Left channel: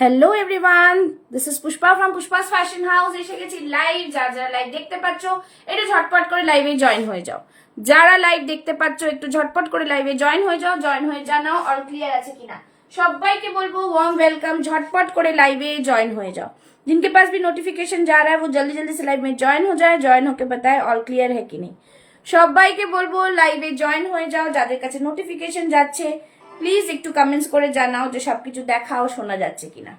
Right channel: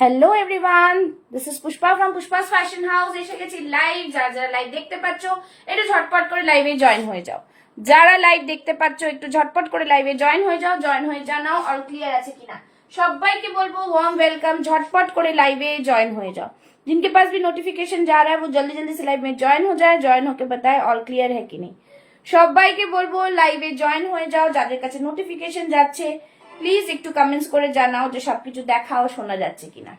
Hello everyone, this is Pushpa from Pushpa's fashion house. এসে গেছি live. যারা যারা লাইভ দেখতে পাচ্ছ একটু ঝটপট করে লাইভে জয়েন হয়ে যাও। যারা লাইভ দেখতে পাচ্ছ একটু ঝটপট করে লাইভে জয়েন হয়ে যাও। জয়েন হয়ে জানাও অল ক্লিয়ার আছে কিনা। সবাইকে বলবো ওয়ার্म वेलकम, झटपट করে লাইভে জয়েন হয়ে যাও। जिनके पास भी नोटिफिकेशन जा रहा है वो जल्दी जल्दी से लाइव में जॉइन हो जाए। जॉइन होके बताए ऑल क्लियर है कि नहीं। সবাইকে বলবো লাইভে জয়েন হয়ে যাও। যাদের কাছে নোটিফিকেশন যাচ্ছে প্লিজ একটু কমেন্টস করে জানাও যে সবকিছু দেখা ও শোনা যাচ্ছে কিনা।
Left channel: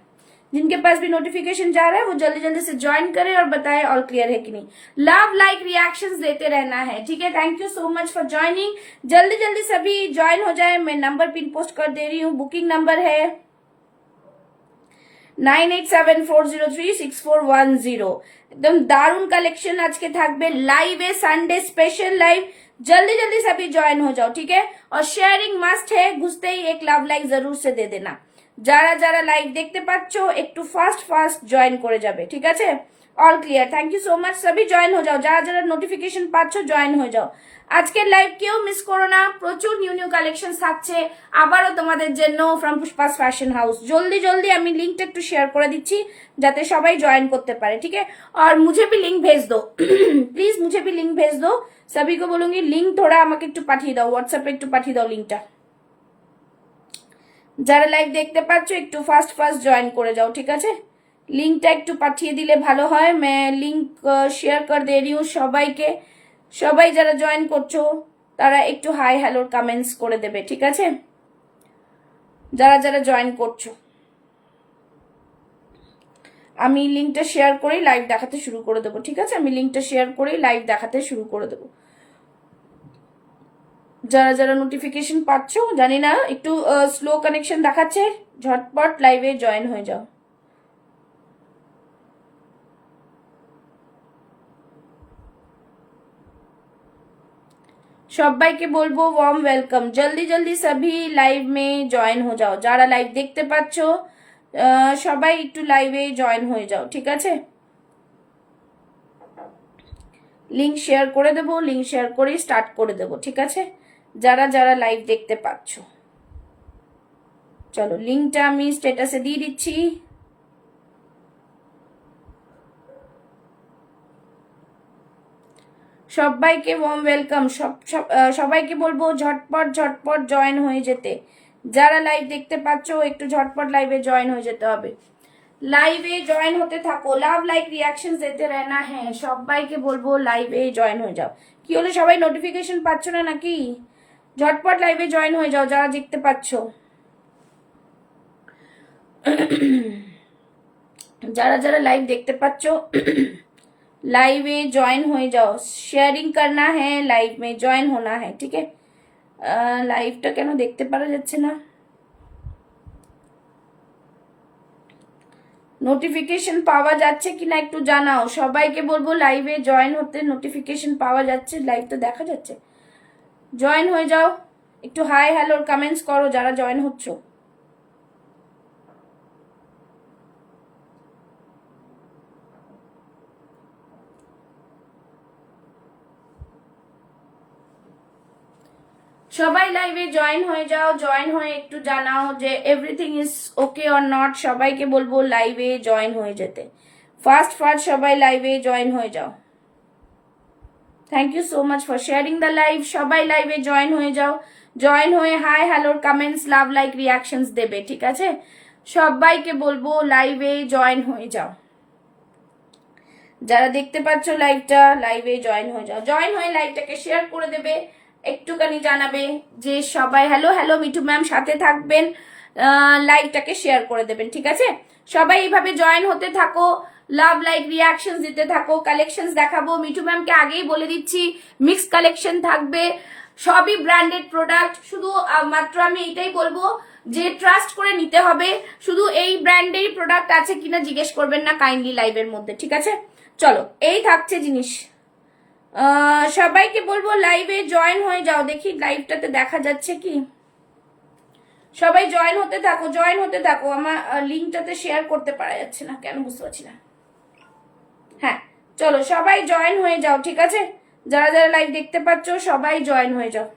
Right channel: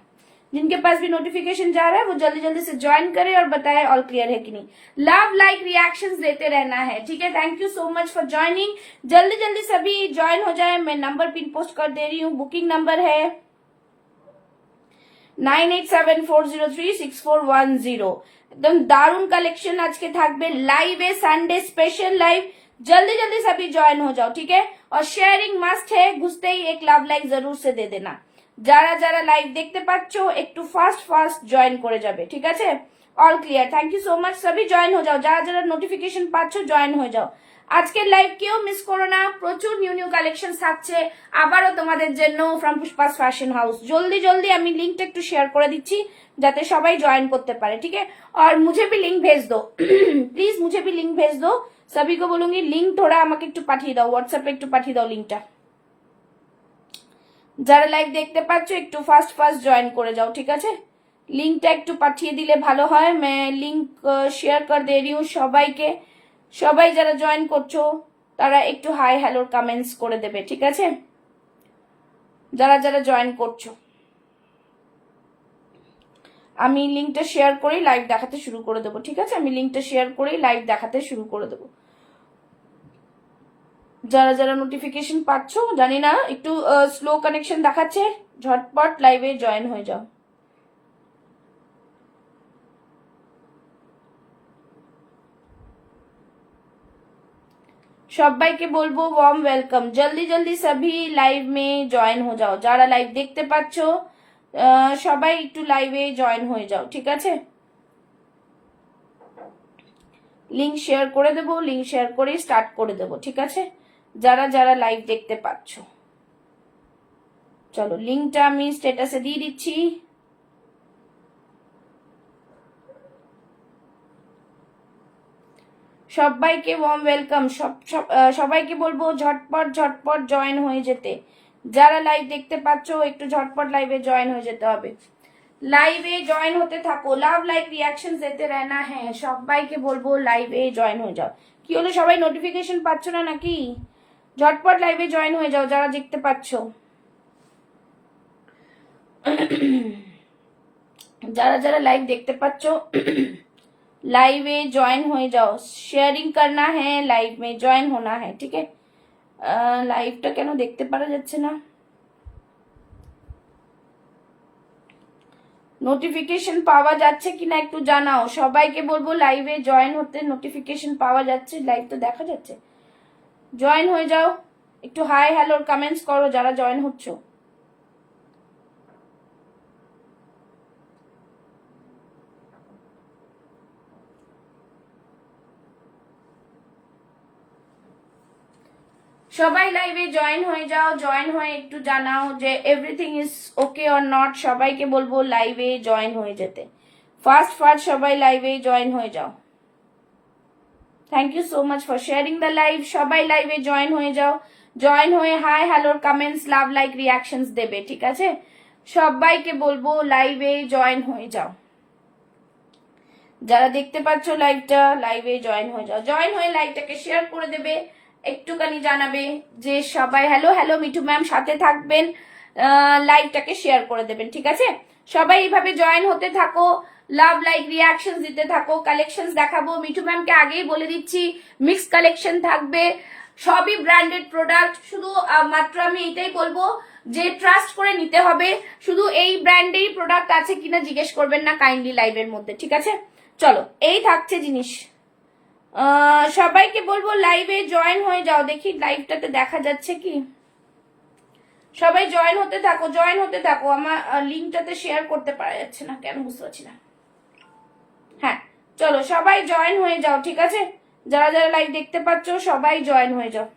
जिनके पास भी नोटिफिकेशन जा रहा है वो जल्दी जल्दी से ज्वाइन करे और बताए ऑल क्लियर है कि नहीं। लव लाइक रिएक्शंस देते रहना है, ठीक है। Thank you so much for joining. जल्दी जल्दी सभी ज्वाइन हो जाए। मैं नंबर पिन पोस्ट कर दे रही हूँ। बुकिंग नंबर है 9874036410। एकदम दारुण कलेक्शन आज के থাকবে লাইভে, সানডে স্পেশাল লাইভ। जल्दी जल्दी सभी ज्वाइन हो जाओ, ठीक है। और शेयरिंग मस्ट है, घुसते ही एक लव लाइक जरूर से दे देना। যারা যারা লাইভ দেখতে পাচ্ছ একটু ফাস্ট ফাস্ট জয়েন করে যাবে, ঠিক আছে। All clear, thank you so much. সবই জয়েন হয়ে যাও। যারা যারা নোটিফিকেশন পাচ্ছ জয়েন হয়ে যাও। আজকের লাইভ কেউ মিস করো না, প্রচুর নিউ নিউ কালেকশন থাকছে আবারও তোমাদের জন্য ফ্রম পুষ্পাস ফ্যাশন হাউস। জলদি জলদি আমি লিঙ্কটা একটু শেয়ার করে দিচ্ছি যাতে সবাই জয়েন করতে পারে, ठीक है। और मुझे भी लिंक भेज दो प्लीज, मुझे भी लिंक भेज दो। सभी को बोलूंगी लिंक थोड़ा আমাকে একটু পাঠিয়ে দাও, হোয়াটসঅ্যাপে একটু পাঠিয়ে দাও লিঙ্কটা। যারা লাইভ দেখতে পাচ্ছ একটু ফাস্ট ফাস্ট জয়েন করে যাও, ঠিক আছে। লিঙ্কটা একটু পাঠিয়ে দিলে ভালো হয়। मैं লিঙ্ক শেয়ার कर दे रही हूँ সবাইকে। সবাই যারা জয়েন করছো তারা একটু হাই হ্যালোর কমেন্টস করে দেবে, ঠিক আছে। যারা যারা জয়েন করছো আমি লিঙ্কটা শেয়ার করেই লাইভ দেখাতে শুরু করে দেবো, ঠিক আছে। আমি লিঙ্কটা শেয়ার করেই লাইভ দেখাতে শুরু করে দেবো। যারা যারা নোটিফিকেশন পাচ্ছ, জানি না একটু স্লো কানেকশন দেখাচ্ছে, ঝটপট লাইভে জয়েন হয়ে যাও। সবাইকে বলবো ওয়ার্ম ওয়েলকাম। জলদি জলদি সবই লাইভ মে জয়েন হয়ে যাও। যারা লাইভ দেখতে পাচ্ছ সবাই একটু লাইভে জয়েন হয়ে যাও, ঠিক আছে। লিঙ্ক শেয়ার করে দেবো, লিঙ্ক শেয়ার করেই স্টার্ট করে দেবো, ঠিক আছে। যারা যারা লাইভ দেখতে পাচ্ছ চলো লিঙ্কটা আমি স্ট্যাটাসে দিয়ে দিচ্ছি। সবাইকে ওয়ার্ম ওয়েলকাম। সবাইকে বলবো ঝটপট ঝটপট জয়েন হয়ে যেতে। যারা লাইভ দেখতে পাচ্ছ একটু ঝটপট লাইভে জয়েন হয়ে যেতে হবে। লাইভে জয়েন হতে থাকো, লাভ লাইক রিয়াকশন দিতে रहना है। সবাইকে বলবো লাইভে জয়েন হয়ে যাও। কি হলো সবাই নোটিফিকেশন পাচ্ছ না নাকি? ঝটপট লাইভে জয়েন হয়ে যাও যারা দেখতে পাচ্ছ। যারা যারা লাইভ দেখতে পাচ্ছ লাইভে জয়েন হয়ে যাও। শেয়ারিং करना है, লাইভ में জয়েন होना है, ठीक है। লাইভটা কেন দেখতে পারা যাচ্ছে না? নোটিফিকেশন পাওয়া যাচ্ছে কিনা একটু জানাও। সবাইকে বলবো লাইভে জয়েন হতে। নোটিফিকেশন পাওয়া যাচ্ছে, লাইভ তো দেখা যাচ্ছে। জয়েন হয়ে যাও, একটু হাই হ্যালোর কমেন্টস করো যারা জয়েন হচ্ছ। সবাই লাইভে জয়েন হয়ে যাও। জয়েন হয়ে একটু জানাও যে everything is okay or not. সবাইকে বলবো লাইভে জয়েন হয়ে যেতে। ফাস্ট ফাস্ট সবাই লাইভে জয়েন হয়ে যাও। Thank you so much for sharing the live. সবাই লাইভে জয়েন হয়ে যাও। জয়েন হয়ে হাই হ্যালোর কমেন্টস লাভ লাইক রিয়াকশনস দেবে, ঠিক আছে। সবাইকে বলবো লাইভে জয়েন হয়ে যাও। যারা দেখতে পাচ্ছ লাইভটা লাইভে জয়েন হয়ে যাও। জয়েন হয়ে লাইভটাকে শেয়ার করে দেবে। একটুখানি জানাবে যে সবাই হ্যালো হ্যালো মিঠু ম্যাম সাথে থাকবেন, লাইভটাকে শেয়ার করে দেবেন, ঠিক আছে। সবাই এইভাবে জয়েন হতে থাকো, লাভ লাইক রিয়াকশন দিতে থাকো। কালেকশন দেখাবো, মিঠু ম্যামকে আগেই বলে দিচ্ছি মিক্স কালেকশন থাকবে, সবই ব্র্যান্ডেড প্রোডাক্ট। শুধু মাত্র আমি এটাই বলবো যে ট্রাস্ট করে নিতে হবে। শুধু এই ব্র্যান্ডেই প্রোডাক্ট আছে কিনা জিজ্ঞেস করবেন না কাইন্ডলি লাইভের মধ্যে, ঠিক আছে। চলো এই থাকছে জিনিস। সবাইকে বলবো লাইভে জয়েন হয়ে যাও। দেখি লাইভটাতে দেখা যাচ্ছে কি। সবাই জয়েন হতে থাকো, জয়েন হতে থাকো। আমার লিঙ্কটাতে শেয়ার করতে পারা যাচ্ছে না কেন বুঝতে পারছি না। হ্যাঁ চলো সবাই জয়েন হয়ে যাও, ঠিক আছে। যারা যারা লাইভ দেখতে পাচ্ছ সবাই জয়েন হয়ে যাও।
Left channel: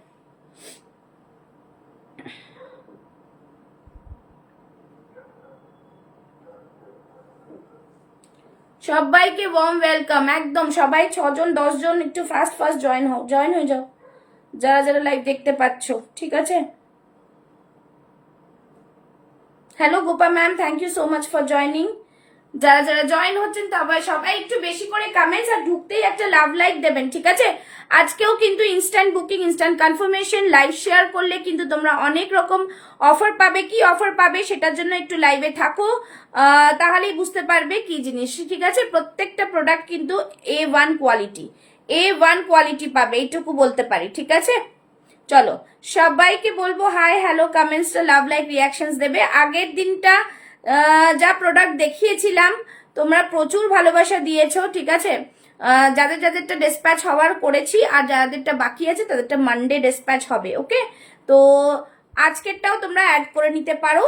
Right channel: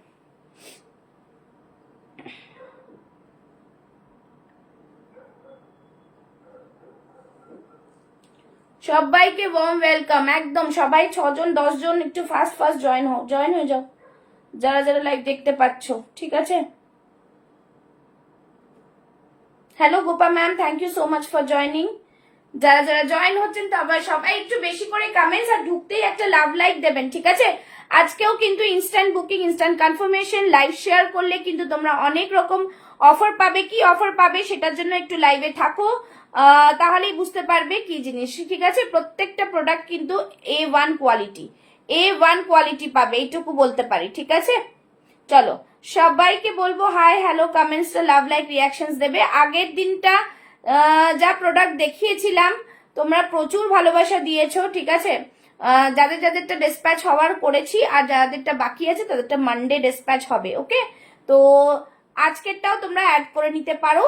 সবাইকে ওয়ার্ম ওয়েলকাম। একদম সবাই 6 জন 10 জন একটু ফাস্ট ফাস্ট জয়েন হয়ে যাও যারা যারা লাইভ দেখতে পাচ্ছ, ঠিক আছে। Hello Gopa ma'am, thank you so much for joining. যারা যারা জয়েন হচ্ছেন তবে সবাই একটু বেশি করে কমেন্টস আর ঢুকতেই একটা লাভ লাইক দেবেন, ঠিক আছে। আজকেও কিন্তু instant booking, instant confirmation, live share করলে কিন্তু তোমরা অনেক রকম অফার পাবে। কি অফার পাবে সেটার জন্য একটু লাইভে থাকো, তাহলেই বুঝতে পারবে কি জিনিস, ঠিক আছে। প্রত্যেকটা প্রোডাক্ট কিন্তু A1 কোয়ালিটি, A1 কোয়ালিটি পাবে, এইটুকু বলতে পারি, ঠিক আছে। চলো সবাইকে বলবো হাই হ্যালো, কমেন্টসটা লাভ লাইক রিয়াকশনস দেবে। আগের দিনটা যা প্রোডাক্ট দেখিয়েছিলাম তোমরা প্রচুর ভালোবাসা দিয়েছো, ঠিক আছে। যাদের যাদেরটা ডিসপ্যাচ হওয়ার করেছি, আর যাদেরটা বাকি আছে তাদেরটা মানডে ডিসপ্যাচ হবে, ওকে। তো আজকেরটাও তোমরা অ্যাড করে নিতে পারো,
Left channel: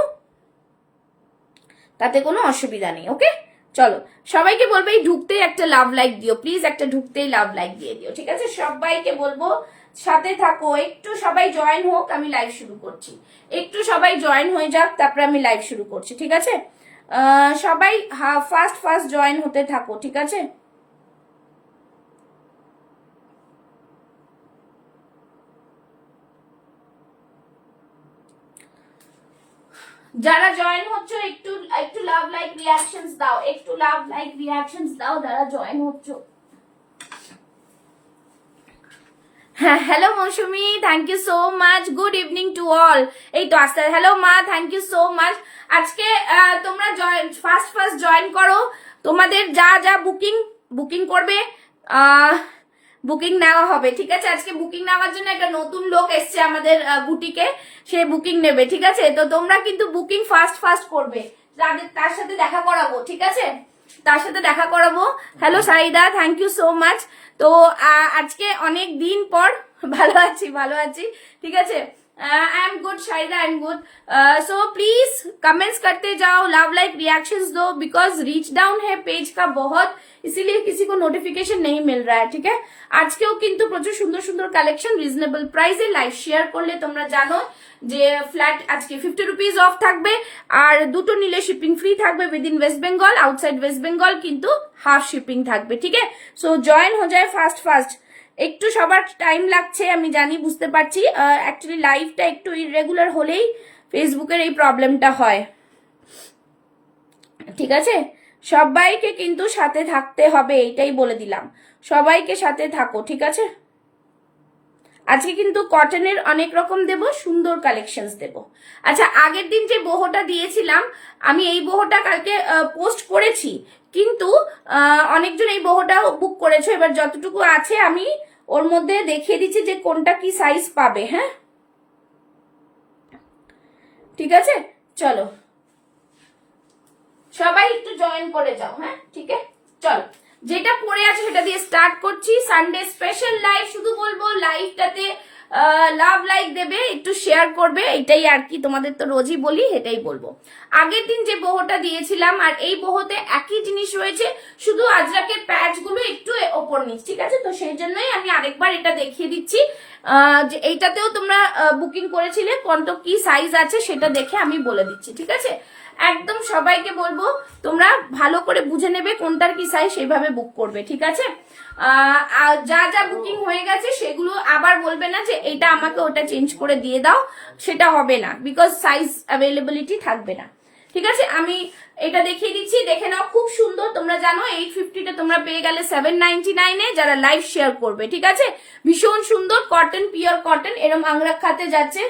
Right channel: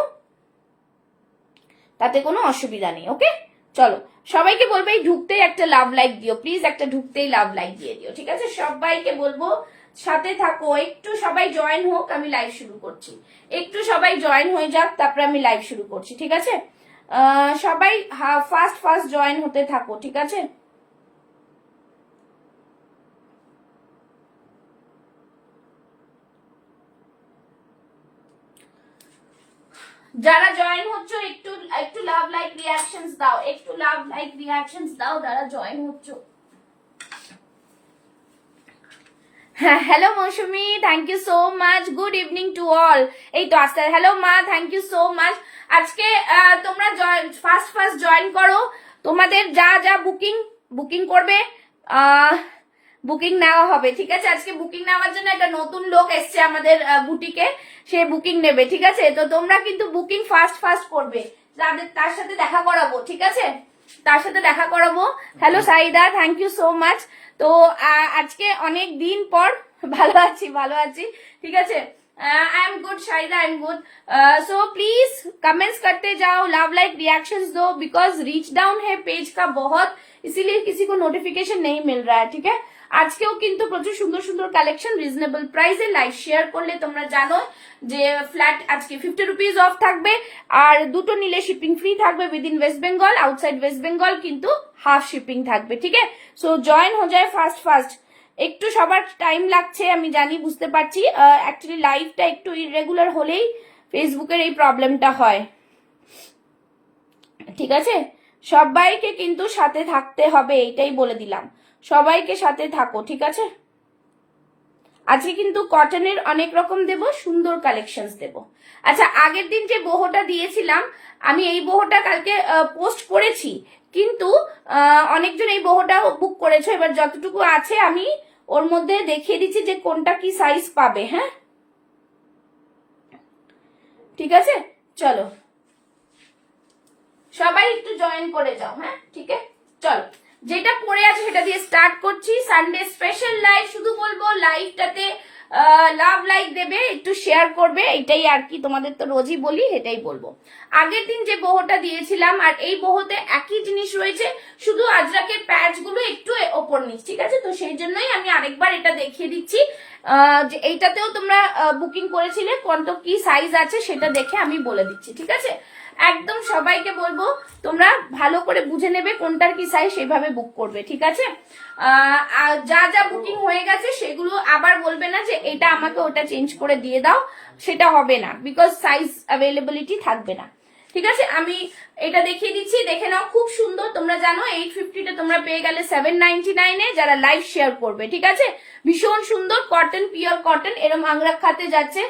তাতে কোনো অসুবিধা নেই, ওকে। চলো সবাইকে বলবো এই ঢুকতেই একটা লাভ লাইক দিও প্লিজ, একটা ঢুকতেই লাভ লাইক দিয়ে দিও, ঠিক আছে। সবাইকে বলবো সাথে থাকো, একটু সবাই জয়েন হোক, আমি লাইভ শুরু করছি। একটু সবাই জয়েন হয়ে যাক, তারপরে আমি লাইভ শুরু করছি, ঠিক আছে। সবাই ফাস্ট ফাস্ট জয়েন হতে থাকো, ঠিক আছে। যারা জয়েন হচ্ছ একটু একটু লাভ লাইক রিয়াকশনস দাও, একটু লাভ লাইক রিয়াকশনস দাও যারা জয়েন হচ্ছ। Hello Mousumi, thank you so much, good evening to all. এই তো আসতে, হ্যালো মা, থ্যাংক ইউ সো মাচ। আজকে তোমরা ফার্স্ট ফার্স্ট জয়েন করো, তোমাদের যা যা বুকিং করবে বুকিং নেওয়া হবে, ঠিক আছে। আজকে বুকিং নেওয়ার জন্য একটা নতুন লোক এসছে আমাদের বুটিকে, সে বুকিং নেবে, ঠিক আছে। তো তোমরা কিন্তু বুকিং ফার্স্ট ফার্স্ট করবে, তার সাথে দেখা করাবো, ঠিক আছে, তার সাথে দেখা করাবো। Hello Saida, thank you so much. তো আজকে অনেক দিন পর ভালো আছি, ঠিক আছে। I am good Shahida, I am good. So please comments करते जाओ, लव लाइक रिएक्शंस दो, बिकॉज रीच डाउन है पेज का बहुत, इसीलिए किसी को नोटिफिकेशन नहीं मिल रहा है, ठीक है। আজকেও কিন্তু প্রচুর সুন্দর সুন্দর কালেকশন রিজনেবল প্রাইসে লাইভ শেয়ার করলে তোমরা জানো যে ফ্ল্যাট আজকে 50 রুপিস অফ থাকবে, আর দুটো নিলে শিপিং ফ্রি থাকবে উইদিন ওয়েস্ট বেঙ্গল, আউটসাইড ওয়েস্ট বেঙ্গল কিন্তু হাফ শিপিং থাকবে, ঠিক আছে। সো জয়েন হয়ে যায় ফাস্ট ফাস্ট, একটু সবার টাইম লাগছে আমি জানি, বুঝতে পারছি। অ্যাকচুয়ালি লাইভটা একটু ইররেগুলার হলেই ফেসবুকের এই প্রবলেমটা হয়, ঠিক আছে। সবাইকে কিন্তু সাথে থাকতে হবে, এটাই বলে দিলাম, সবাইকে সাথে থাকো, ঠিক আছে। আজকে কিন্তু কটনের অনেক রকম দেব, সুন্দর কালেকশনস দেব। আচ্ছা, আগের দিন যে বহটা দিয়েছিলাম আমি, এই বহটা কালকে পোস্ট করেছি, কিন্তু অনেকজন এই বহটাও বুক করেছে। এবার যতটুকু আছে আমি ওর মধ্যে দেখিয়ে দিচ্ছি যে কোনটা কি সাইজ পাবে, হ্যাঁ, ঠিক আছে। চলো সবাই একটু জয়েন করে যাও, হ্যাঁ, ঠিক আছে। চলো যেটা পড়ে আছে সেটা দিয়ে স্টার্ট করছি। সানডে স্পেশাল লাইভ, শুধু বলবো লাইভটাতে লাভ লাইক দেবে, একটু শেয়ার করবে, এটাই আর কি। তোমাদের তো রোজই বলি, এটাই বলবো। আগের দিন যে বহটা দিয়েছিলাম আর এই বহতে একই জিনিস রয়েছে, শুধু আজরাকের প্যাচ গুলো একটু ওপর নিচ, ঠিক আছে। তো সেই জন্যই আমি আরেকবার এটা দেখিয়ে দিচ্ছি, যে এইটাতেও তোমরা বুকিং করেছিলে, কত কি সাইজ আছে সেটা দেখে আমি বলে দিচ্ছি, ঠিক আছে। একদম সবাইকে বলবো তোমরা ভালো করে বুঝে নেবে কোনটার কি সাইজ, সেইভাবে বুক করবে, ঠিক আছে। যা যা বুকিং হয়ে গেছে সেগুলো আবার বলবে না যে এটা আমাকে ওটা চেঞ্জ করে দিয়ে দাও, সেটা হবে না, বিকজ সাইজ অ্যাভেলেবিলিটি থাকবে না, ঠিক আছে। আমি এটা দেখিয়ে দিচ্ছি, দেখে নাও, খুব সুন্দর। তোমরা জানো 850টা তোমরা পেয়ে গেলে 799-এ যারা লাইভ শেয়ার করবে, ঠিক আছে। ভীষণ সুন্দর কটন, পিওর কটন, এরম আংরাক খাতে যাচ্ছে।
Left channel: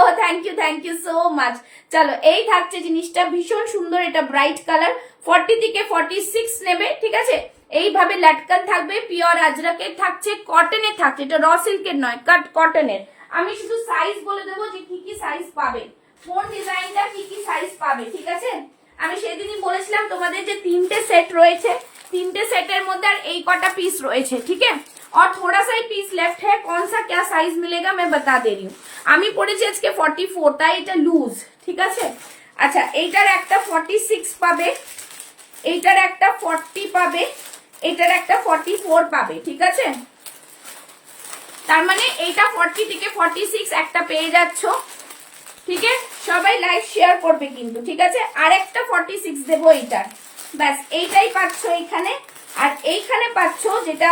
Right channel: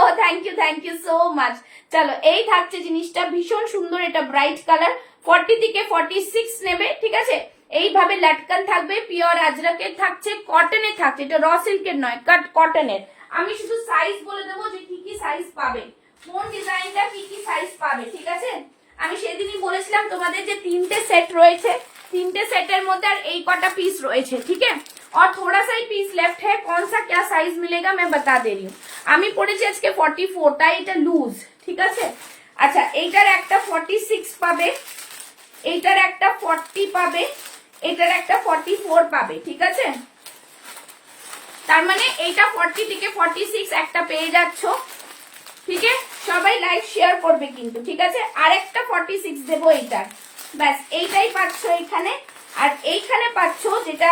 ও থ্যাংক ইউ সো মাচ। চলো এই থাকছে জিনিসটা, ভীষণ সুন্দর, এটা ব্রাইট কালার, 40 থেকে 46 নেবে, ঠিক আছে। এইভাবে লাটকান থাকবে, পিওর আজরাকের থাকছে, কটনের থাকছে, এটা র সিল্কের নয়, কাট কটনের। আমি শুধু সাইজ বলে দেবো যে কি কি সাইজ পাবে, কোন ডিজাইনটা কি কি সাইজ পাবে, ঠিক আছে। আমি সেদিনই বলেছিলাম তোমাদের যে 3টে সেট রয়েছে, 3টে सेटर मध्य एक कटा पीस रही है, ठीक है। और थोड़ा सा ही पीस लेफ्ट है, कौन सा क्या साइज मिलेगा मैं बता दे रही हूँ। আমি পড়েছি আজকে 44, তাই এটা লুজ, ঠিক আছে। আচ্ছা, এইটার একটা 46 পাবে, এইটার একটা 40 পাবে, এইটার একটা 44 পাবে, ঠিক আছে। তার মানে এইটা 40 থেকে 46 একটা পেয়ে যাচ্ছ, ঠিক আছে। সবাই লাইভ শেয়ার করবে কিন্তু, ঠিক আছে। আর একটা 46 দেবো এইটার, ব্যাস এইটাই পাচ্ছ এইখানে। আর এইখানে পাচ্ছ যেটা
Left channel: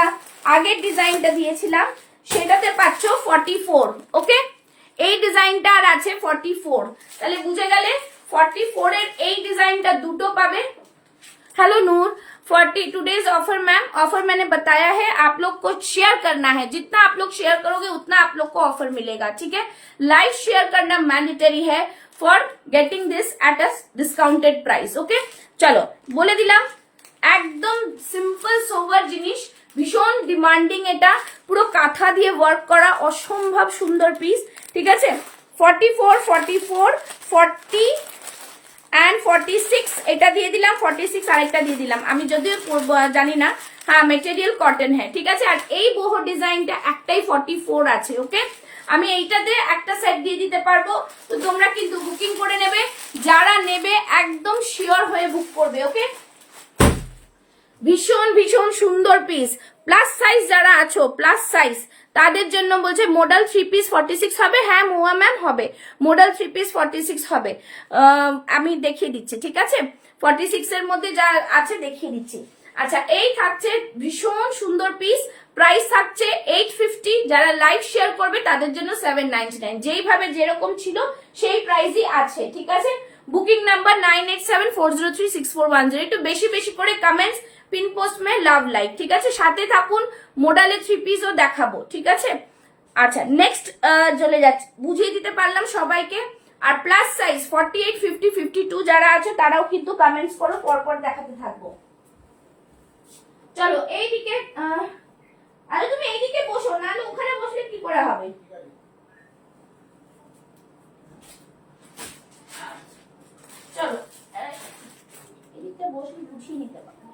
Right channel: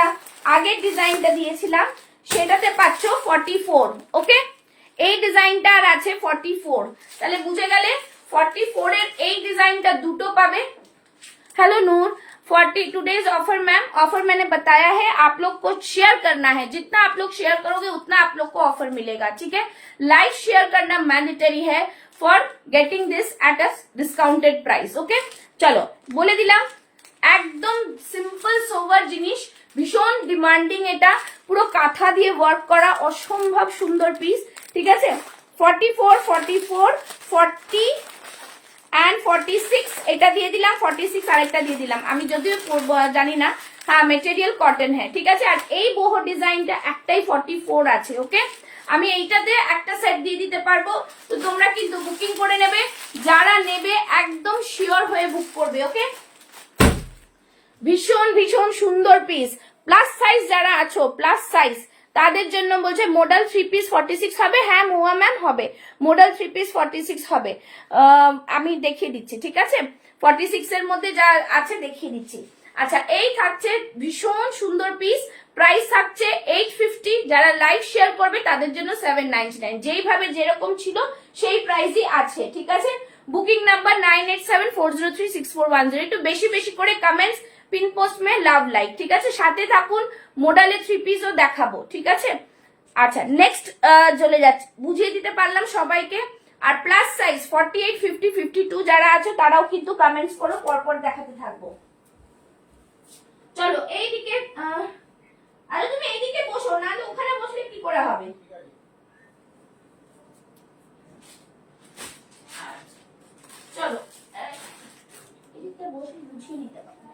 আগের ডিজাইনটা দিয়েছিলাম সেটাতে পাচ্ছ 44। ওকে, এই ডিজাইনটা আর আছে 44। তাহলে বুঝে গেলে 44 এর এই ডিজাইনটা দুটো পাবে। हेलो नूर, 40 टूडेज ऑफर मैम। ऑफर मैंने बताया है, आप लोग को शेयर करना है, जितना आप लोग शेयर करोगे उतना आप लोग को ऑफर मिलेगा। ठीक है, लाइव शेयर करना मैंडेटरी है for getting this at a discounted price. Okay, चलो बोले दिलाम একদম সিম্পল সোভার জিনিস, ভীষণ ডিমান্ডিং, এটা পুরো কাঁথা দিয়ে ওয়ার্ক করা অসম্ভব সুন্দর পিস। ঠিক আছে, 44, 44, 40 एंड 46 এটা দিয়ে দিলাম, 46 আরেকটা দিয়ে দিলাম, আমি যদিও জানি না। হ্যাঁ, মেটেরিয়াল কটন হ্যাঁ, ঠিক আছে। আর এই বহু ডিজাইনটা একটাই 44 আছে। ওকে, আমি এইটাতে একটা সেট দিয়ে দিতে পারবো, তো তোমরা কিন্তু বুকিং করে নেবে, যারা নেবে একদম শিওর হয়ে বুক করবে। ওকে, ভীষণ ভীষণ সুন্দর পিস। প্লাস সাইজ যারা আছো, প্লাস সাইজ তাদের জন্য বলছে মডেল 3 পিস 46 হবে। হ্যাঁ মুয়া ম্যাম হবে, মডেল 3 পিস 46 হবে। আমি দেখিয়ে দিচ্ছি, ঠিক আছে, 46 এর মধ্যে যা আছে দেখিয়ে দিচ্ছি। আচ্ছা, এই থাকছে ভীষণ সুন্দর পিস, প্রাইস থাকছে 850। যারা লাইভ শেয়ার করবে তাদের জন্য 799, যেইভাবে যেরকম ছিল সেই প্রাইসই আছে। ঠিক আছে, বুকিং নাম্বার 9874036410। একটু বেশি বেশি করে কমেন্টস, পিন পোস্ট মে লাভ লাইক। ঠিক আছে, সাথে থাকুন, মোডালে 3 পিসও দেখাবো। ঠিক আছে, আচ্ছা নেক্সট চলে যাচ্ছে, বুঝিয়ে দিতে পারলাম সবাইকে। আর প্লাস সাইজ 48, 50, 52 যারা আছে তারাও কিন্তু কমেন্টস করো, পরপর দেখাতে থাকবো। চলো এইদিকে, আরে তুমি এইদিকে বসো, নাহলে ওখানে বসলে কি করে হবে। চলো এদিকটা বসে বুঝিয়ে নিতে পারবো।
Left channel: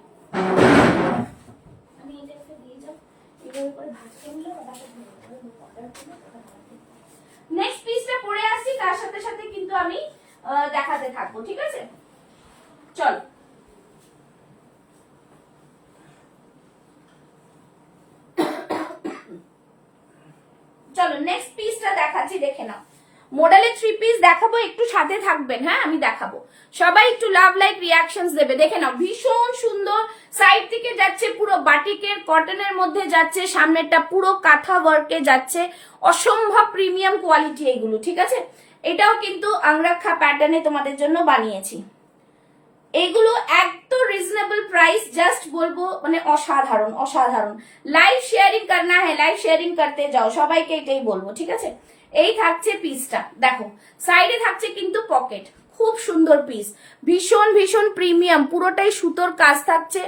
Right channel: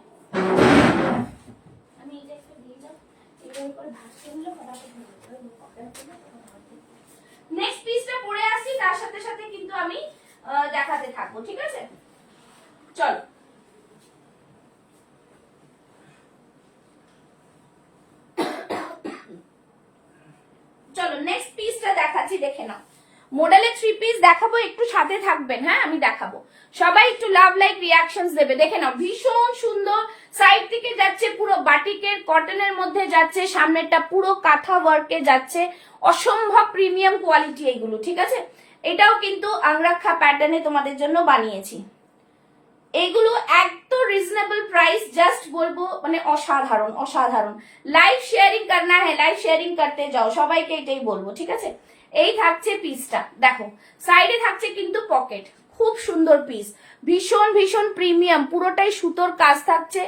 আমি এটা একটা দিয়ে যাও, এটার উপর ভাসিয়ে নিলে নেক্সট পিসটা পরে আসছি, তার সাথে সাথে কিন্তু আমি দেখাতে থাকবো। ঠিক আছে, চলো চলো নেক্সট পিসটা দেখাচ্ছি, দেখে নাও। মডেলে 3 পিস দেখাবো, একটু সাথে থাকবেন। হ্যাঁ, আমি দেখাবো, সবাই একটু লাভ লাইক রিয়াকশনস দেবে। দেখে নাও, ভীষণ সুন্দর, সাইড থেকে যাচ্ছে পুরো বাটিকের কটনের মধ্যে যাচ্ছে, সামনেরটা পুরো কাঁথা ওয়ার্কে যাচ্ছে, অসম্ভব প্রিমিয়াম কোয়ালিটি এগুলো। ঠিক আছে, এটাও কিন্তু আংরাক্ষা প্যাটার্নে তোমাদের জন্য বানিয়েছি। এইগুলো একদম রিজনেবল প্রাইস, জাস্ট বলবো মানে অসাধারণ অসাধারণ। লাইভ শেয়ারিং করনা হ্যাঁ, লাইভ শেয়ারিং করতে যাও, সবাইকে এটাই বলবো। ঠিক আছে, এই থাকছে পিসটা, দেখো সাইডে থাকছে কিন্তু পকেট, খুব সুন্দর পিস, ভীষণ ভীষণ প্রিমিয়াম, পুরোটাই সুতোর কাজ থাকছে,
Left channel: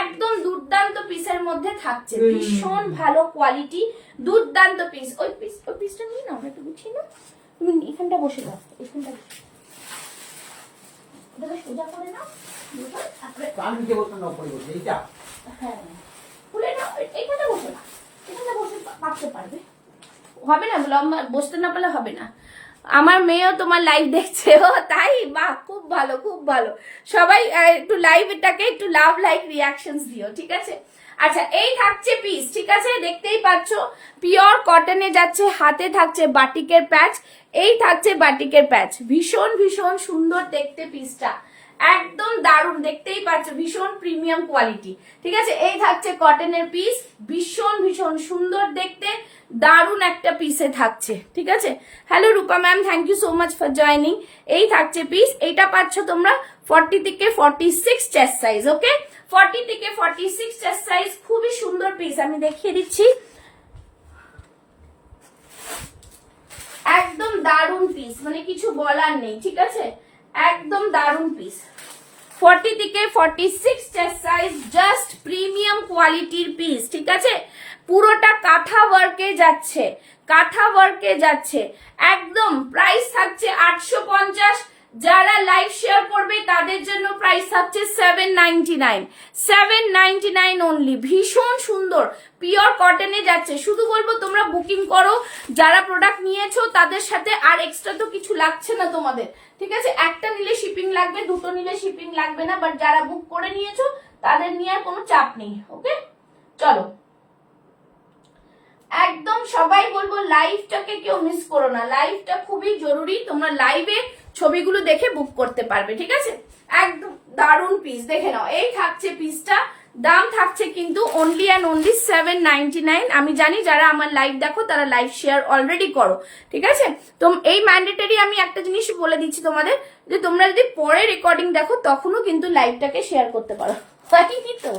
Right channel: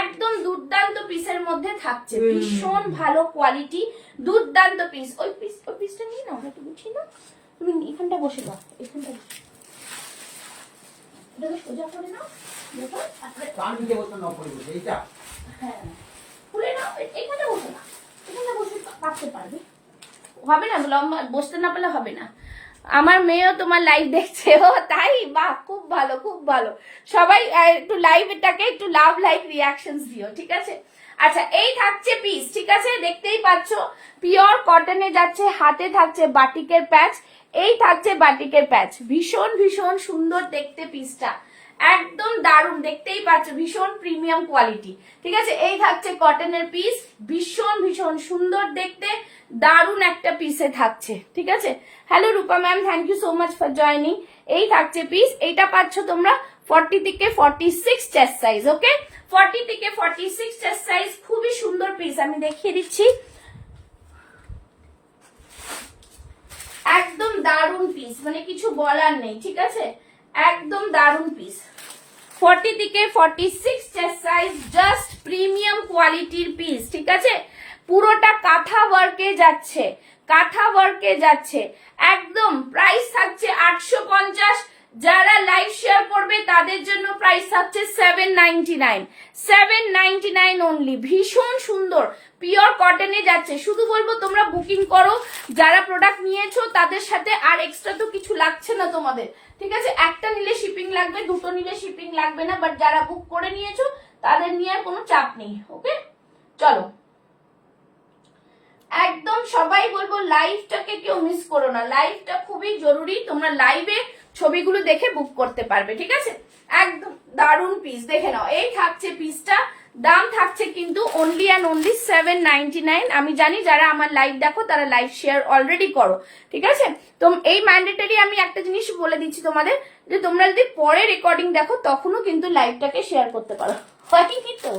একদম দুর্দান্ত পিসের মধ্যে থাকছে, ভীষণ ভালো কোয়ালিটি, দুর্দান্ত পিস। ওই পিসটা নিয়ে নাও, একটু বুঝছি না, তুমি এখানটা বসে দাও, এখানটা এটাকে সোজা করে নাও, হ্যাঁ খুলে নাও, এইখানটা বসে না, এখানটা বসে পারতে পারবে, হবে না লম্বা, বসতে না পারলে হবে না। আমার মেয়েও তোমার লাইভ দেখছে, ও তাই, বাহ খুব ভালো খুব ভালো। সবাই একটু লাইভ এটাকে একটু লাভ লাইক রিয়াকশনস দিও। ঠিক আছে, আচ্ছা এই থাকছে পিস। ঠিক আছে, দেখতেই পাচ্ছ পিওর কটনে যাচ্ছে, হাতে থাকছে বাটিকের প্যাচ, এই থাকছে বাটিকের প্যাচ, ভীষণ ভীষণ সুন্দর দেখতে পিসটা, একদম দারুণ, দেখতেই পাচ্ছ ভীষণ প্রিমিয়াম কোয়ালিটি। ঠিক আছে, এই থাকছে কটনের পিস, ভীষণ ভীষণ সুন্দর দেখতে, দারুণ একটা পিসে থাকছে। ঠিক আছে, hello Rupa ma'am, thank you so much for joining. এই থাকছে পিস, এইটা পাচ্ছ তোমরা 40 থেকে 46 চেস্ট সাইজ। ওকে, 40 থেকে 46 চেস্ট সাইজ, খুবই সুন্দর পিস, আমি দেখিয়ে দিচ্ছি, একদম দারুণ পিস, মানে কিছু বলার নেই। ঠিক আছে, একদম দারুণ পিস, 40 থেকে 46 চেস্ট সাইজ, জাস্ট প্রিমিয়াম কোয়ালিটির পিস। ঠিক আছে, পুরোটা কাঁথা ওয়ার্কে যাচ্ছে, কাঁথা ওয়ার্কে যাচ্ছে, একদম প্রাইস থাকছে 850। যারা লাইভ শেয়ার করবে তাদের জন্য প্রাইস থাকছে 799, 799 অনলি, ভীষণ সুন্দর পিওর কটনে যাচ্ছে। শুধু বলবো তোমরা বুকিং করো, যারা প্রোডাক্ট নিয়েছো তাদের সাথে আর এক্সট্রা তো কিছু লাগছে না তোমাদের। ঠিক আছে, একটা নিলে শিপিং লাগবে, দুটো নিলে শিপিং লাগবে না, বাট যারা বুক করে নিয়েছো তাদের নিয়ে আর কোনো চাপ নেই। ওকে, চলো একদম সবাই বলবো লাইভটাকে কেউ মিস করো না, লাইভটা খুবই জরুরি, তোমরা লাইভে ছবিগুলো দেখে বুক করতে পারবে, ঠিক আছে? একদম দারুণ পিস, দেখে নাও। এই থাকছে পিসটা, দাম থাকছে কিন্তু অনলি অ্যান্ড অনলি 799। আমি জানি যারা আমার লাইভ দেখো তারা লাইভ শেয়ার অলরেডি করো, ঠিক আছে? তো এই ম্যান্ডেটরি আমি একটা জিনিস বলে দিচ্ছি তোমাদের, যে তোমরা যদি পরে রেকর্ডিং দেখো তখনও কিন্তু লাইভটাকে শেয়ার করতে পারো। হয়নি তো?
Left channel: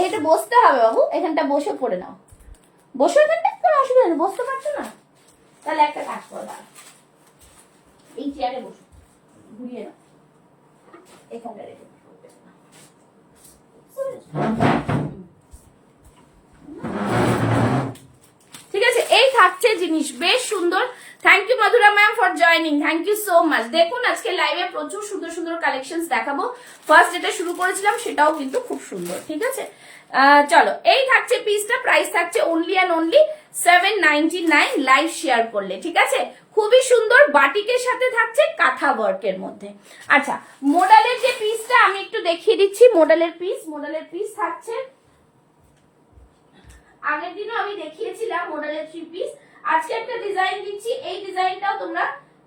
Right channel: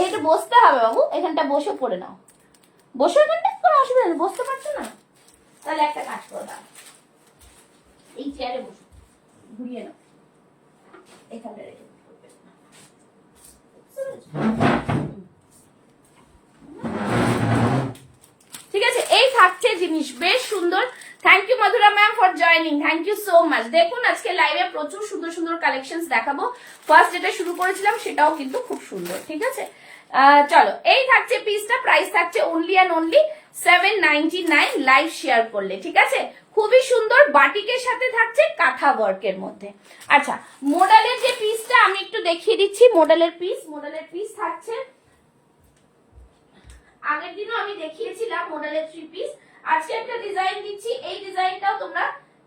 এইটা বসতে হবে বাবু, এখানটা বসে পড়ে নাও, বসে, এখানটা কোনো অসুবিধা নেই, বসতে পারছো না? তাহলে একটা কাজ করো, এই চেয়ারে বসো, ঘুরিয়ে নাও, এখানটা রেখে ঠিক আছে? এই থাকছে জিনিস, বেশ সুন্দর। Thank you Madhura ma'am for joining, thank you so much. দেখুন আজকে লাইভে প্রচুর সুন্দর সুন্দর কালেকশন দেখাবো। ফার্স্ট যেটা শুরু করেছিলাম সেটাও কিন্তু খুব সুন্দর, ঠিক আছে? চলো, এই থাকছে পিসটা, প্রাইস থাকছে only and only 799 live share করলে, ঠিক আছে? খুবই সুন্দর, বাটিকের সাথে থাকছে কাঁথা ওয়ার্কের মধ্যে। আচ্ছা, মডেলের যে পিসটা আমি একটু দেখিয়ে দিচ্ছি। মডেলের পিস থাকছে, আগের দিনও আমি দেখিয়েছিলাম মডেলের 3 পিস। আজকে একটা ডিজাইন দিচ্ছি, এই ডিজাইনটাও তোমরা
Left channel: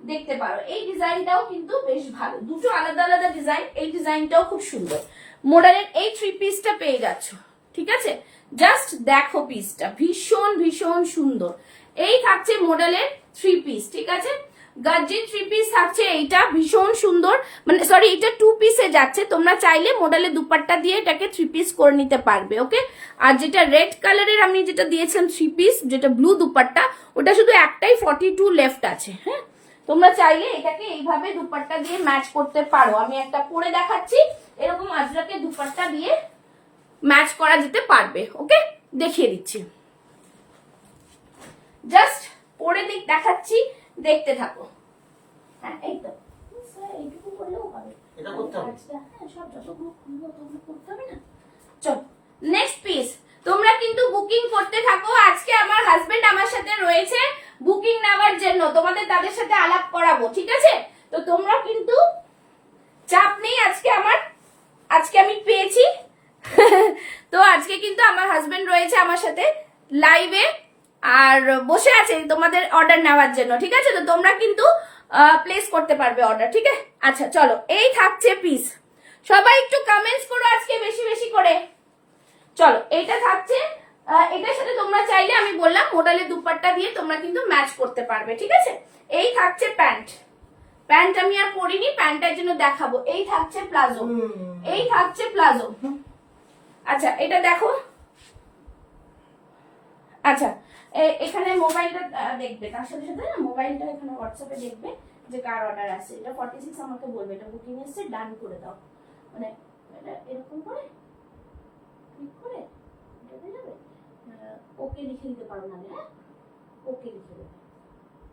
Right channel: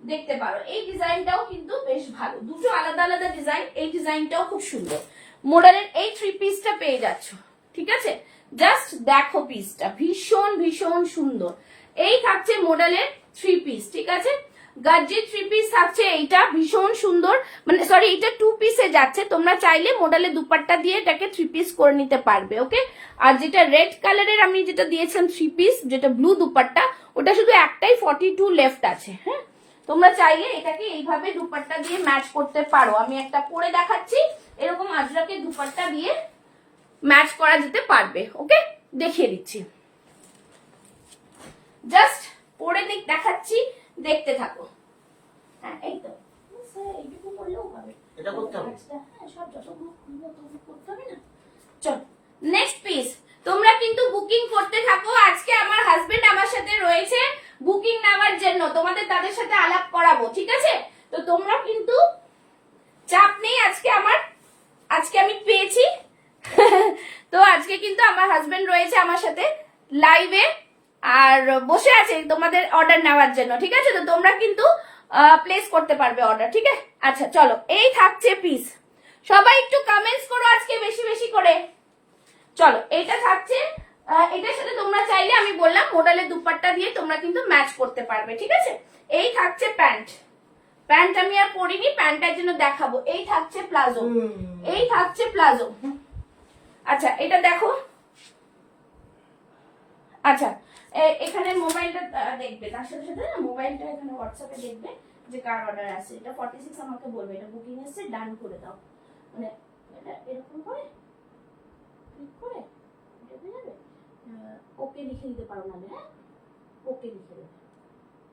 দেখতে পারো। এই ডিজাইনটাও কিন্তু বেশ ভালো, দুটো আলাদা আলাদা ডিজাইন। এই ডিজাইনটাও খুব সুন্দর। মডেলের এই 3 পিসটা পেয়ে যাচ্ছ, ঠিক আছে? জাস্ট দেখো পিসটা, ভীষণ ভীষণ সুন্দর। এই থাকছে মডেলের 3 পিস, ঠিক আছে? গার্জির 3 পিস থাকছে, এইটা ভীষণ সুন্দর, মানে সরি এটা 2 পিসে যাচ্ছে। তোমরা চাইলে মডেলের দুপাট্টা দিয়ে এটাকে 3 পিস করে নিতে পারবে, ওকে? আর যেটা রেড কালারের আমি যেটা দিয়েছিলাম 3 পিস, যেটা ব্লু দুপাট্টা, ওটা শুধু একটাই 42 লেফট আছে। হ্যাঁ, তোমরা চাইলে এটাকে এইভাবে দুপাট্টা দিয়ে ম্যাচ করতে পারো। আমি একটা পরে দেখাচ্ছি, এরকম আজরাকে দুপাট্টা দিয়ে ম্যাচ করা যেতে পারবে, ওকে? দেখিয়ে দিচ্ছি, জাস্ট পরে দেখাচ্ছি, দেখতে থাকো। হ্যাঁ, এই তো এইটুকু করলেও হবে, এটা করতে হবে। হ্যাঁ, সব যতগুলো খুলবো ততগুলো করতে হবে না। চল নেক্সট পিস, তোমরা কিন্তু বুকিং করতে থাকো। আজকে আমার হাজবেন্ড আমার সাথে রয়েছে বুকিং নেওয়ার জন্য, তোমাদের তাদের সাথে আলাপ করাবো, ঠিক আছে? তো তোমরা কিন্তু চাপ নেই, আজকে আমি পেয়েছি। তো আজকে কিন্তু আমার হাজবেন্ড রয়েছে আমার সাথে লাইভে আর বসে আছে তোমাদের অর্ডার নেওয়ার জন্য, ঠিক আছে? তো তোমরা কিন্তু প্লেস করতে পারবে অর্ডার, ঠিক আছে? আচ্ছা চলো, এই থাকছে পিস, সবাই একটু কমেন্টস করো আজকে বেশি বেশি করে। চলো, এইটা থাকছে, এটার সাথে তোমরা চাইলে আমি বললাম মডেলের দুপাট্টা দিয়ে তোমরা কিন্তু ম্যাচ করতে পারবে, ঠিক আছে? এই থাকছে প্যান্ট আমি আর পরিনি, প্যান্টটার জন্য দেখাবো। এই থাকছে প্লাজো, আচ্ছা এটা দেখো। আচ্ছা, এখানে মোবাইলটা দেখবে, তার সাথে সাথে না মোবাইলটা এখানে হোয়াটসঅ্যাপে দেখবে যে কার অর্ডার আছে। এটা 46 আমাকে বলবে এটা বুকিং এসেছে, ডান করে দাও, মানে এটা এরকম করে ক্লিক করে এটা হয়ে যাবে। ওকে লিখে দিতে পারো না, হ্যাঁ ওকে লিখে দেবে,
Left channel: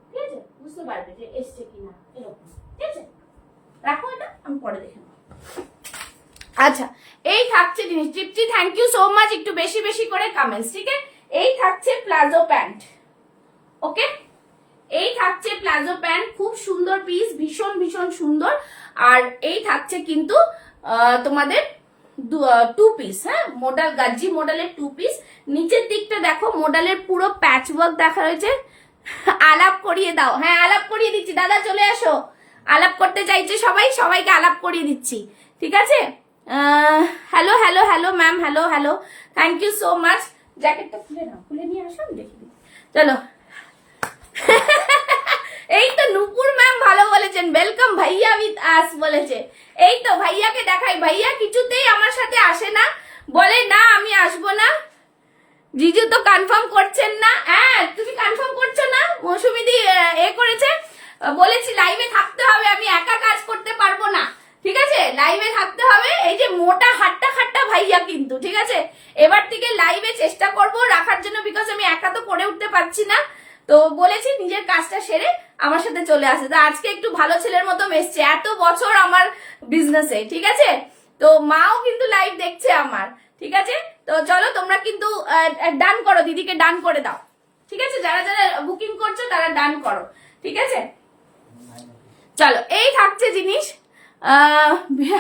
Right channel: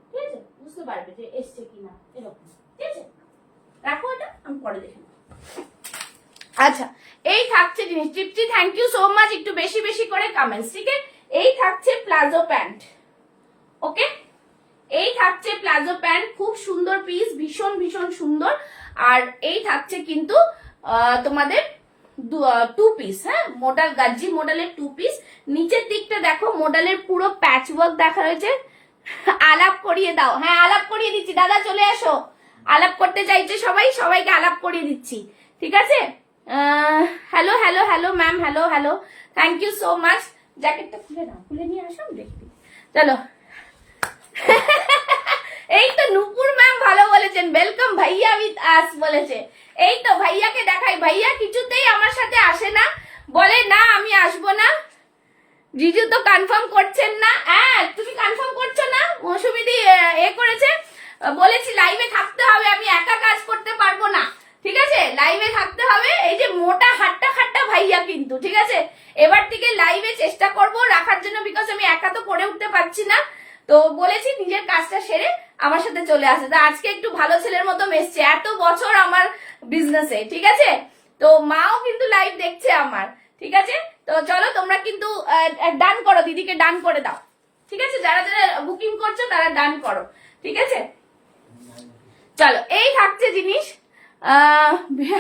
ঠিক আছে? বুঝতে পারবে যে এসছে কিনা, এরকম, ঠিক আছে? রাখো, এটা আমি পরে দেখে নেবো। আচ্ছা, এই থাকছে জিনিস, টিপটি থ্যাংক ইউ সো মাচ, একটু বেশি বেশি করে কমেন্টস, ঠিক আছে? এই থাকছে প্লাজো প্যান্ট, ওকে? এই থাকছে প্লাজো প্যান্ট, খুব সুন্দর পিস, ভীষণ ভীষণ সুন্দর। আর এই থাকছে কিন্তু তোমাদের 2 পিস, হ্যাঁ, মডেল গাজ্জি মডেলের 2 পিস। নিচের দিকটা দেখো, মডেলের পুরো প্যাচ ওয়ার্ক দেখা রয়েছে। আলাপ করিয়ে দাও, হ্যাঁ আলাপ করিয়ে দিচ্ছি, দাদা চলে আসো, আলাপ করতে চাইছে সবাইকে আলাপ করিয়ে দিচ্ছি, ঠিক আছে? Hello hello hello ma'am, hello hello, thank you so much. জ্যাকেটটা খুলে নাও, খুলে নিয়ে আসো, আমি দেখি। চলো, এই তো নুপুর ম্যাম ভালো বলেছেন, ওয়েলকাম ভাইয়া উইথ আস বলেছে। এই তো ভাইয়াকে দেখাই, ভাইয়া কিছুতেই আমার সাথে আসে না, বলে না আমি আসবো না। জিজু তো কনফার্ম করছেন না। হ্যাঁ, তুমি কনফার্ম করছো না? মৌসুমিদি করেছে, বলেছি লাইভে থাকতে হবে, আমি একা কাজ করতে পারবো না, ঠিক আছে? লাইভে থাকতে হবে। এই যে মোটা হাট্টা খাট্টা ভাইয়া কিন্তু, ঠিক আছে? এবার থেকে লাইভে চেষ্টা করব রাখার জন্য, বিকজ আমি একা তো করে উঠতে পারছি না। তো বলেছি নিজের কাজটা সেরে আমার সাথে চলে আসে। তো আজকে একটু ভালো ছেলের মতো মেসছে, এত বছর আমার বিজনেসে, ঠিক আছে? তো মাও কিন্তু লাইভ দেখছে আমার, ঠিক আছে? তো চলো, তোমরা কিন্তু ডান করো, দিদিকে ডান করে দাও, ঠিক আছে? যারা যারা বুকিং করছো তারা ডান করো, ঠিক আছে? চলো, এই থাকছে জিনিস।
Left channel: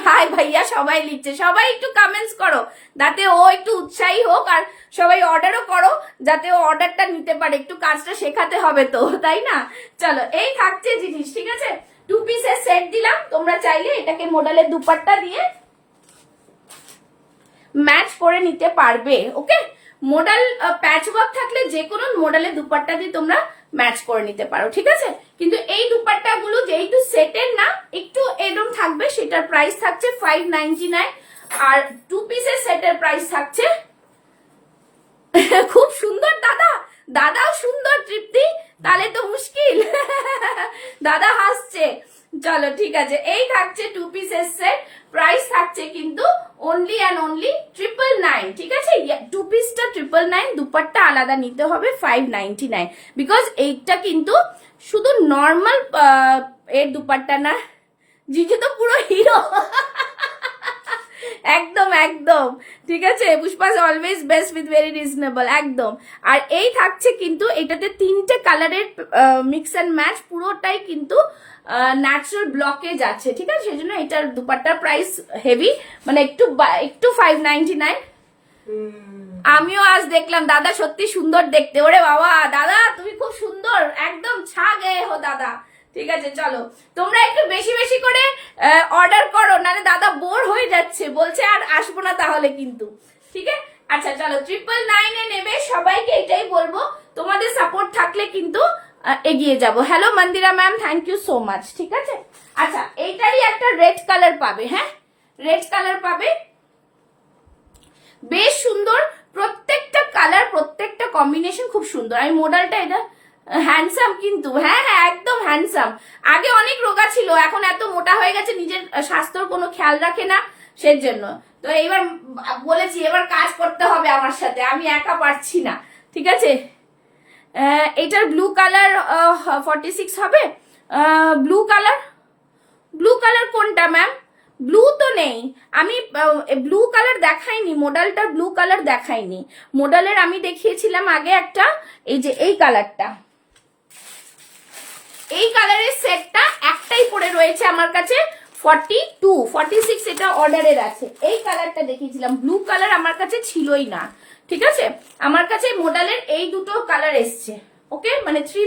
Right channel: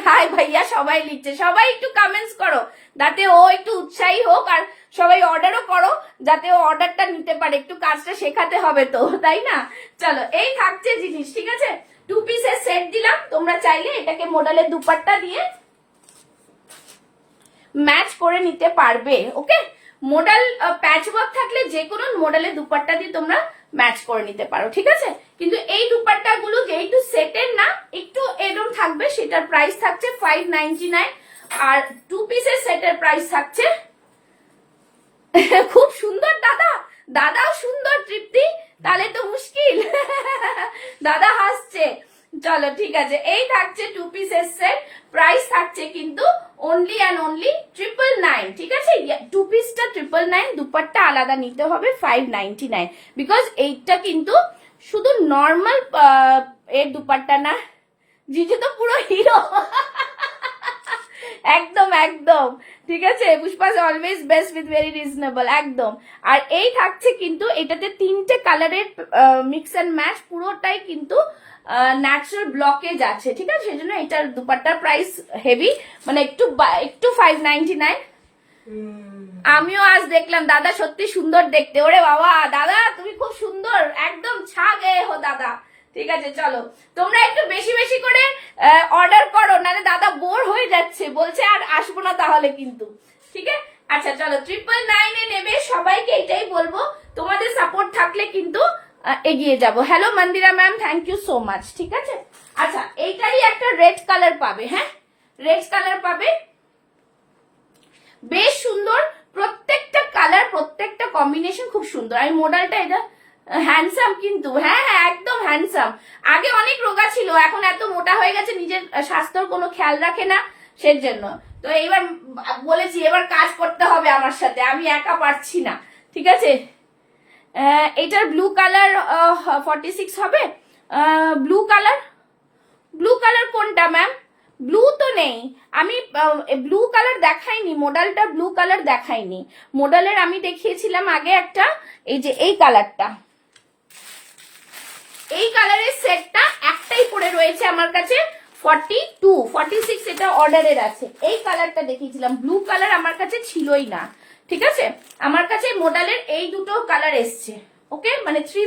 হাই ভাইয়া সবাই লিখছে, সবাই একটু কমেন্টস করো যাতে ও একটু উৎসাহী হোক, আর সবাই অর্ডারও করো যাতে ও অর্ডারটা নিতে পারে। একটু কাজটা শেখাতে হবে তো, তাই না? চলো, এই থাকছে জিনিস, ঠিক আছে? 2 পিসের তোমরা চাইলে এটাকে মডেলের দুপাট্টা দিয়ে ম্যাচ করে নিতে পারবে। ওকে, মডেল প্যাচ ওয়ার্ক থাকলে যে কোনো মডেলের দুপাট্টা দিয়ে তোমরা ম্যাচ করে নিতে পারো, ঠিক আছে। কিন্তু এই দুপাট্টা গুলো যেহেতু সেটের না, একটু এরকম থাকবে, সেটার প্রাইস থাকছে 599। আর 2 পিসের সেটের প্রাইস থাকছে খুব সুন্দর দাদা, দাদাও সুন্দর তৃপ্তি, তাহলে তো মুশকিল দাদা হাসছে। চলো ঠিক আছে, এই থাকছে 2 পিসের সেট, প্রাইস থাকছে কিন্তু অনলি অ্যান্ড অনলি 999, ঠিক আছে। 2 পিসটা 999, দুপাট্টা আলাদা নিতে হবে 599, বিকজ এইটা কিন্তু শুধু নর্মাল এর দুপাট্টা না। জিজু তো পুরো হিরো একদম একদম ঠিক আছে। Pushpa's always best with very reasonable, একদম। আর এই থাকছে কিন্তু এটাতে 3টে কালারের মিক্স অ্যান্ড ম্যাচ, পুরোটাই কিন্তু ন্যাচারাল ব্লকেজ আছে, ঠিক আছে। সেই জন্য এটার দুপাট্টার প্রাইস হেভি, মানে একটু 599। আমিও আজ দেখলাম দাদা সত্যি সুন্দর দেখতে। ওরে বাবা দাদা তুমি খুব সুন্দর, একদম ছা গয়ে হো দাদা। ঠিক আছে চলো, তোমরা একটু বেশি বেশি করে অর্ডার করো, নাহলে দাদা বোর হয়ে যাচ্ছে, বলছে আর আসবো না তাহলে কিন্তু, ঠিক আছে। আচ্ছা চলো, 999 নেবে, সবাইকে এটাই বলবো, তোমাদের সাপোর্ট থাকলে কিন্তু এগিয়ে যাব। Hello Mandira ma'am, thank you so much, ঠিক আছে। আচ্ছা এইটারই একটা রেড কালার পাবে, হ্যাঁ রেড কালার পাবে, বেশ সুন্দর, প্রত্যেকটা কালার প্রত্যেকটা কম্বিনেশন খুব সুন্দর। আর মডেলটা এটা হ্যান্ডসাম কিন্তু, হ্যাঁ হ্যাঁ একদম হ্যান্ডসাম। আগে অনেক রোগা ছিল, এখন এত মোটা হয়ে গেছে, নিজের স্বাস্থ্যের কোনো খেয়াল রাখে না, সেজন্য তো এইবার বলেছি এবার কাজ করতে হবে আমার সাথে, আমি একা পারছি না, ঠিক আছে। এটার ব্লু কালার 46 হবে। ব্লু কালার কোনটা ম্যাম? ব্লু তো নেই, আমি ব্লু কালার দেখাইনি, মডেলটা ব্লু কালার দেখাইনি। মডেলের আমি দেখিয়েছিলাম আগে একটা, এই যে এই কালারটা, এই কালারের সেটটা একটাই পড়ে রয়েছে আমার কাছে, 42 46 এটা অর্ডারের আছে। এই কালারটা দেখিয়েছিলাম, ব্লু কালার আমার কাছে ছিলই না, ঠিক আছে। আমার কাছে মডেলের এই দুটো কালার এসছে, ওকে, মানে 3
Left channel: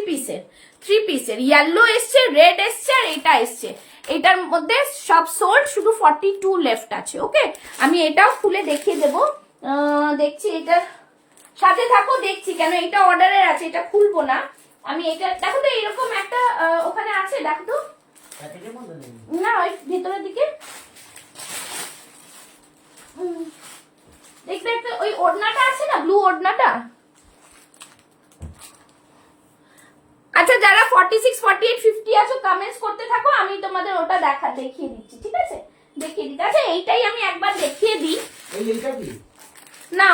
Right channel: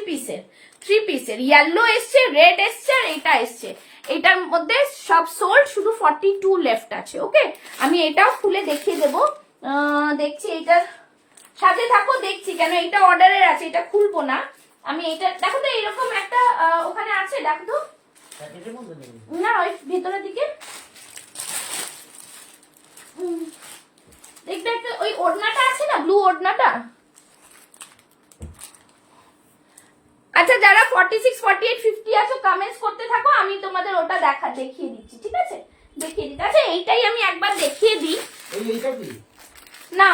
পিসের ইয়েলো এসছে, রেড এসছে, আর এটা এসছে। এটার মধ্যে সব সোল্ড, শুধু 42 লেফট আছে, ওকে। আমি এটাও খুলে দেখিয়ে দেবো, দেখছি, এটার সাথে থাকো, দেখছি, কেন এটা অর্ডারের আছে, এটা খুলবো না আমি। এটা দেখো তো, এরকম একটা ওখানে আছে, দেখো তো, না ওই ভেতরের দিকে দেখবে একটা ওই ওড়নাটা আছে না, ব্লু ওড়নাটা। আচ্ছা যারা 46 48 50 আছো কমেন্টস করতে থাকো, আমি তোমাদের ওটা দেখিয়ে দিচ্ছি, ঠিক আছে, দেখিয়ে দিচ্ছি। আচ্ছা এইটাই আমি একবার দেখিয়ে দিই। না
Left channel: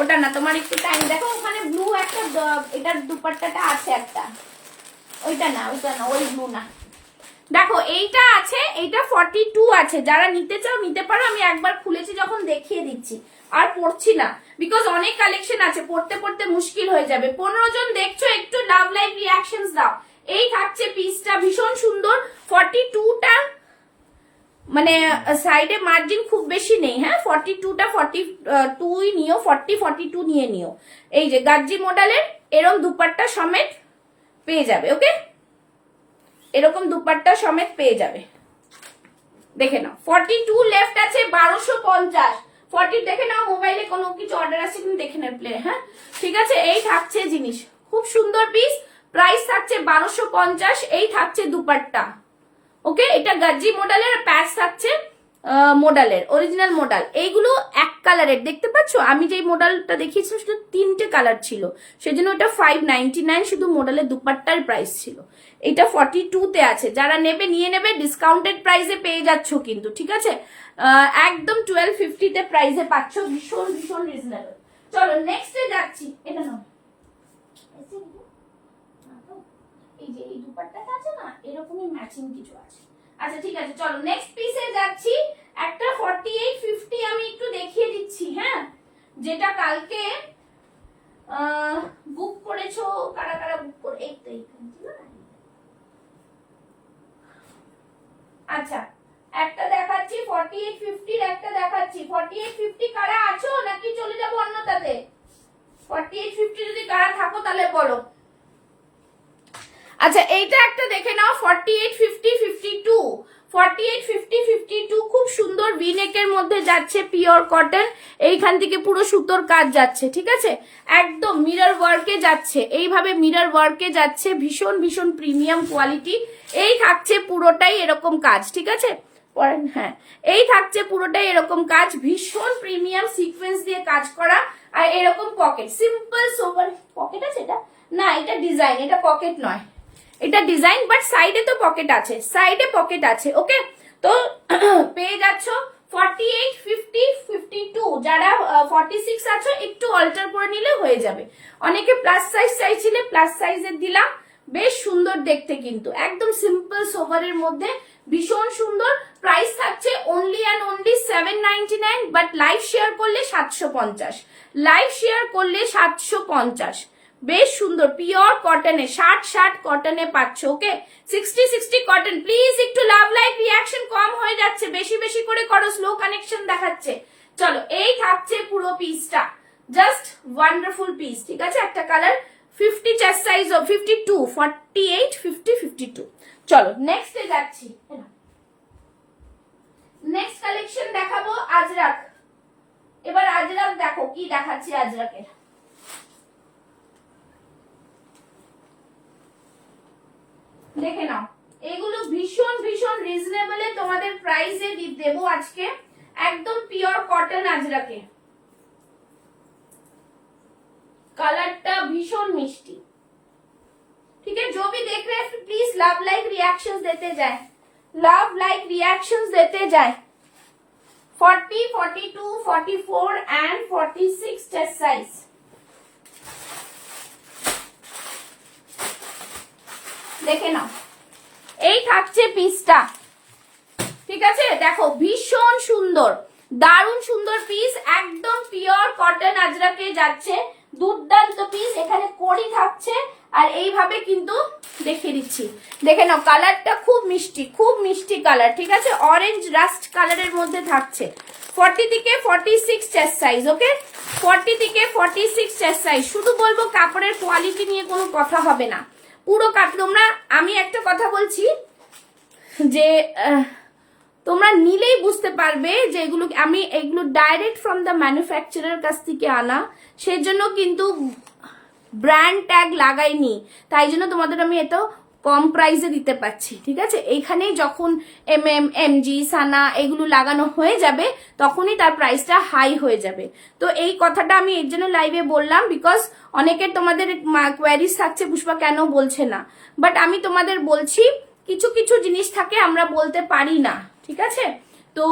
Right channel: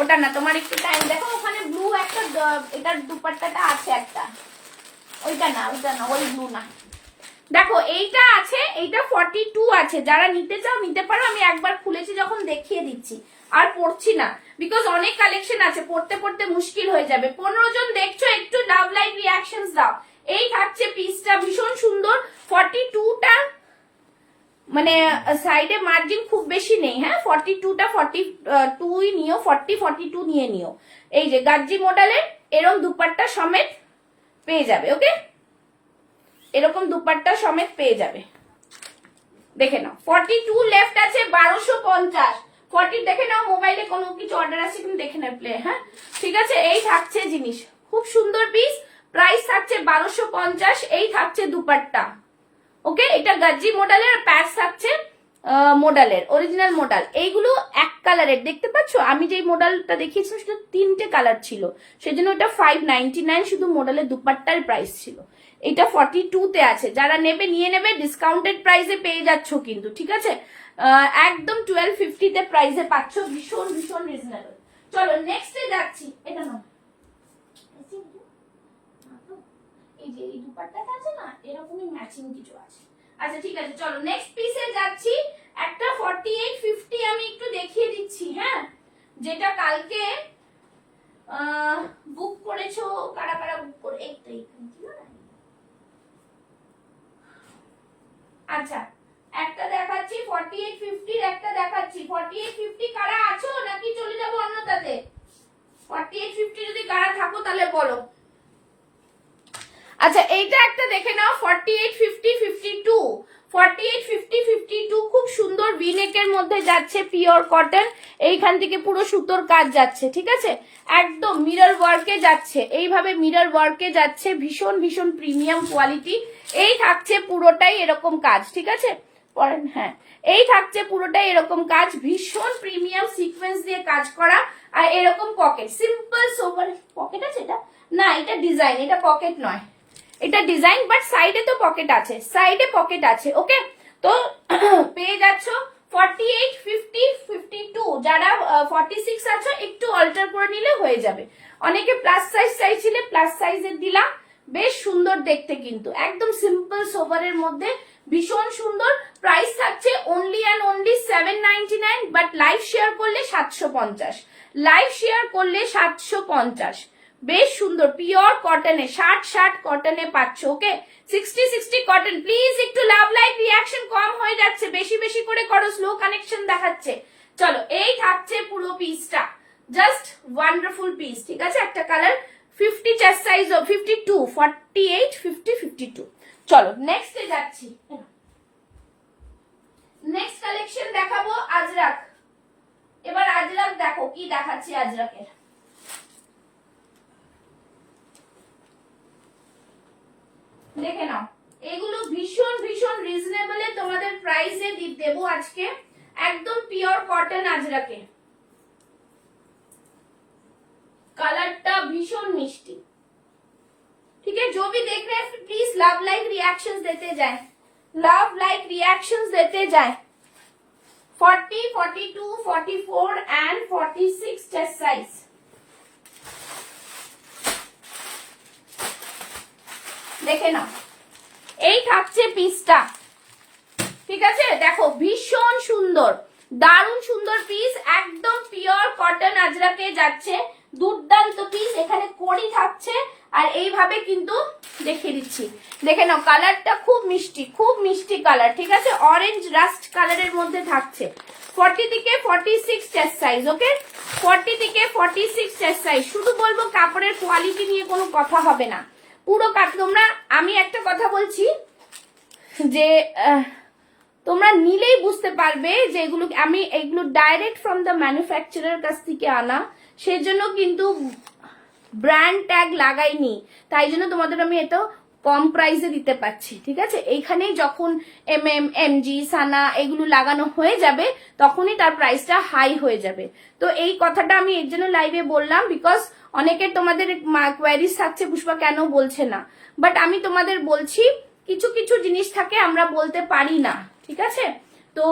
ওটা না, তোমার একটু টাইম দেখো, ওখানে ব্লু একটা এটার দুপাট্টাটা আছে একটা, ওইটা না, ওই ব্লু না, দেখো এইটা আছে, এইটা 42 আছে, যারা নিতে চাও নিতে পারো। আমি একবার খুলেছি যখন দেখিয়ে দিচ্ছি, আর পড়ছি না, বিকজ অনেক কালেকশন আছে, পড়তে পড়তে মুশকিল হয়ে যাবে। 15 জন দেখছো, একটু লাভ লাইক রিয়াকশনস দাও। এই থাকছে পিসটা, ভীষণ সুন্দর, 42টা মানে সাইডে মার্জিন খুব বেশি নেই, হ্যাঁ 42টা 42 নিও, 42 নিয়ে নিও। এই যে গাজ্জি মডেলের এরকম দুপাট্টা সমেত পেয়ে যাবে, ওকে, এরকম দুপাট্টা সমেত পেয়ে যাবে। দেখে নাও 42 লেফট আছে, 1250। 40 দেখে নাও, মোবাইলে কোনো কিছু অর্ডার আছে কিন্তু দেখে নাও প্লে, হ্যাঁ ঠিক আছে। এই থাকছে জিনিস, খুব সুন্দর পিস, প্রাইস থাকছে 1250। এই থাকছে দুপাট্টা, ওকে। এটা গাজ্জি মডেলের, প্যাচ থাকছে মডেলের, অরিজিনাল মডেল। এইগুলো এক কালারের, দেখতে পাচ্ছ, আমি যে মডেলটা দেখিয়েছিলাম সেটা 3টে কালার ছিল, সেজন্য এটা 599 শুধু মডেলের দুপাট্টার প্রাইস ছিল। এটা 42 তে আছে, যারা নেবে নিয়ে নেবে, ডিসকাউন্টেড প্রাইসে পেয়ে যাচ্ছ কিন্তু, ঠিক আছে, একদম 1250 তে প্রাইসে পাচ্ছ, ভীষণ ভীষণ রিজনেবল। চলো নেক্সটে যাচ্ছি, এটা নাও, এই যে এই দুপাট্টাটা আছে না, এরকমই ম্যাচিং কিছু আছে। আচ্ছা ঠিক আছে, চলো নেক্সট পিসে যাচ্ছি। একটা 4850 আমি একটু দেখিয়ে দিচ্ছি, হ্যাঁ, যেটা কালকে বুক করেছো, কারা কারা বুক করে, এই তো আচ্ছা একটা দেখাচ্ছি 4850 এর, একটা দেখাচ্ছি 4850। কারা আছো নাকি চলে যাবো অন্যটাতে? 4850 যদি কারা থাকো তাহলে বলো। আচ্ছা এইটা একটা দেখে নাও 48 50 52 48 50 52 খুব সুন্দর ভি নেকের মধ্যে যাচ্ছে, পিওর কটন, এইখান থেকে পুরো সুতোর কাজ যাচ্ছে, ঠিক আছে, একদম মিরর ওয়ার্কে যাচ্ছে, এইভাবে মিরর ওয়ার্কে যাচ্ছে, ভীষণ ভীষণ প্রিমিয়াম কোয়ালিটি। এই থাকছে পুরোটাই এরকম কাজ, ঠিক আছে, হ্যাঁ এই থাকছে পুরোটাই এরকম কাজ, ভীষণ প্রিমিয়াম সিকোয়েন্স দিয়ে কাজ করা, আর এরকম পকেট, সিম্পল সোবার পকেট আছে এটা, না এটা ডিজাইন, এটা পকেট নয়, এটা ডিজাইন, বাট সাইডে তো পকেট আছে, সাইডে পকেট আছে, ওকে। তো পেয়ে যাচ্ছ 48 50 52, যারা 46 আছো একটু অল্টার করে নিলে হয়ে যাবে, অনেকে প্লাস সাইজ চাইছিলে, প্লাস সাইজের দিলাম, বেশ সুন্দর দেখতে, কিন্তু একদম সিম্পল সোভারের মধ্যে ভীষণ সুন্দর। প্রাইস থাকছে only and only 799, but live share করলে 750, লাইভ শেয়ার করলে 750, বেশ সুন্দর পিওর কটনে, 60 কটনে পাচ্ছ, ওকে 60 কটন। প্লিজ একটু লাভ লাইক রিয়াকশন কম হয়ে যাচ্ছে, বেশি বেশি করে করো, স্লো কানেকশন দেখাচ্ছে। চলো এই থাকছে পুরো পিসটা, জাস্ট ওয়ান্ডারফুল পিস, ঠিক আছে, একটা কালার 50 চেস্ট সাইজ, 52 48 50 52। চলো নেক্সটে যাচ্ছি, নেক্সট কালেকশন দেখাবো আজরাক। এবার আজরাক দেখো কি দেখাচ্ছি আজরাকের, দেখে নাও, এগুলো ভীষণ ভীষণ রিজনেবলে তোমাদের প্রাইসে দেবো আজকে, একদম পিওর কটন আজরাকে, কালারটা ভীষণ মিষ্টি, ठीक है। जो भी देख रहे हैं प्लीज लव लाइक रिएक्शंस देते जाएं, लव लाइक रिएक्शंस देते जाएं। 40 42 44 एंड 46 चेस्ट साइज, দেখে নাও এই থাকছে পিসটা, ঠিক আছে, দেখো ভীষণ সুন্দর, দারুণ সুন্দর পিস, একদম পিওর কটন আজরাকে যাচ্ছে, দুর্দান্ত পিস, এখানে কড়ি থাকছে, আর এইভাবে কিন্তু দেখিয়ে দিচ্ছি, দেখে নাও কালারটা খুব মিষ্টি, খুব মিষ্টি কালার, ঠিক আছে, অরেঞ্জ রাস্ট কালারের মধ্যে থাকছে। 40 থেকে 46 চেস্ট সাইজ, ওকে 40 থেকে 46 চেস্ট সাইজ। শুধু বলবো কাপড়ের কোয়ালিটি নিয়ে কোনো কথা হবে না, পুরো তোমরা, আমি একটা কথা বলছি যে তোমরা নিলেই বুঝতে পারবে যে এগুলো আমি এগুলো ডাইরেক্ট ফ্রম দ্য ম্যানুফ্যাকচারার কাছ থেকে আনা, সেই জন্য কিন্তু ব্র্যান্ড ট্যাগ লাগাইনি, তাই জন্য তোমাদের আমি এটা কম প্রাইসে দিতে পারছি, ঠিক আছে। এইখানে যখন এমজি সানা এগুলো লাগানো হয়ে যাবে তখনই তার প্রাইসটা হাই হয়ে যাবে। তো এই কথাটা আমি এর জন্য লাইভে বললাম, বিকজ অনেকের তোমাদের কোয়ারিজ থাকছে পুষ্পা কেন বলছে না, বাট আমি তোমাদের বলছি কিছু কিছু জিনিস থাকে আমরা বলতে পারি না, ঠিক আছে। তো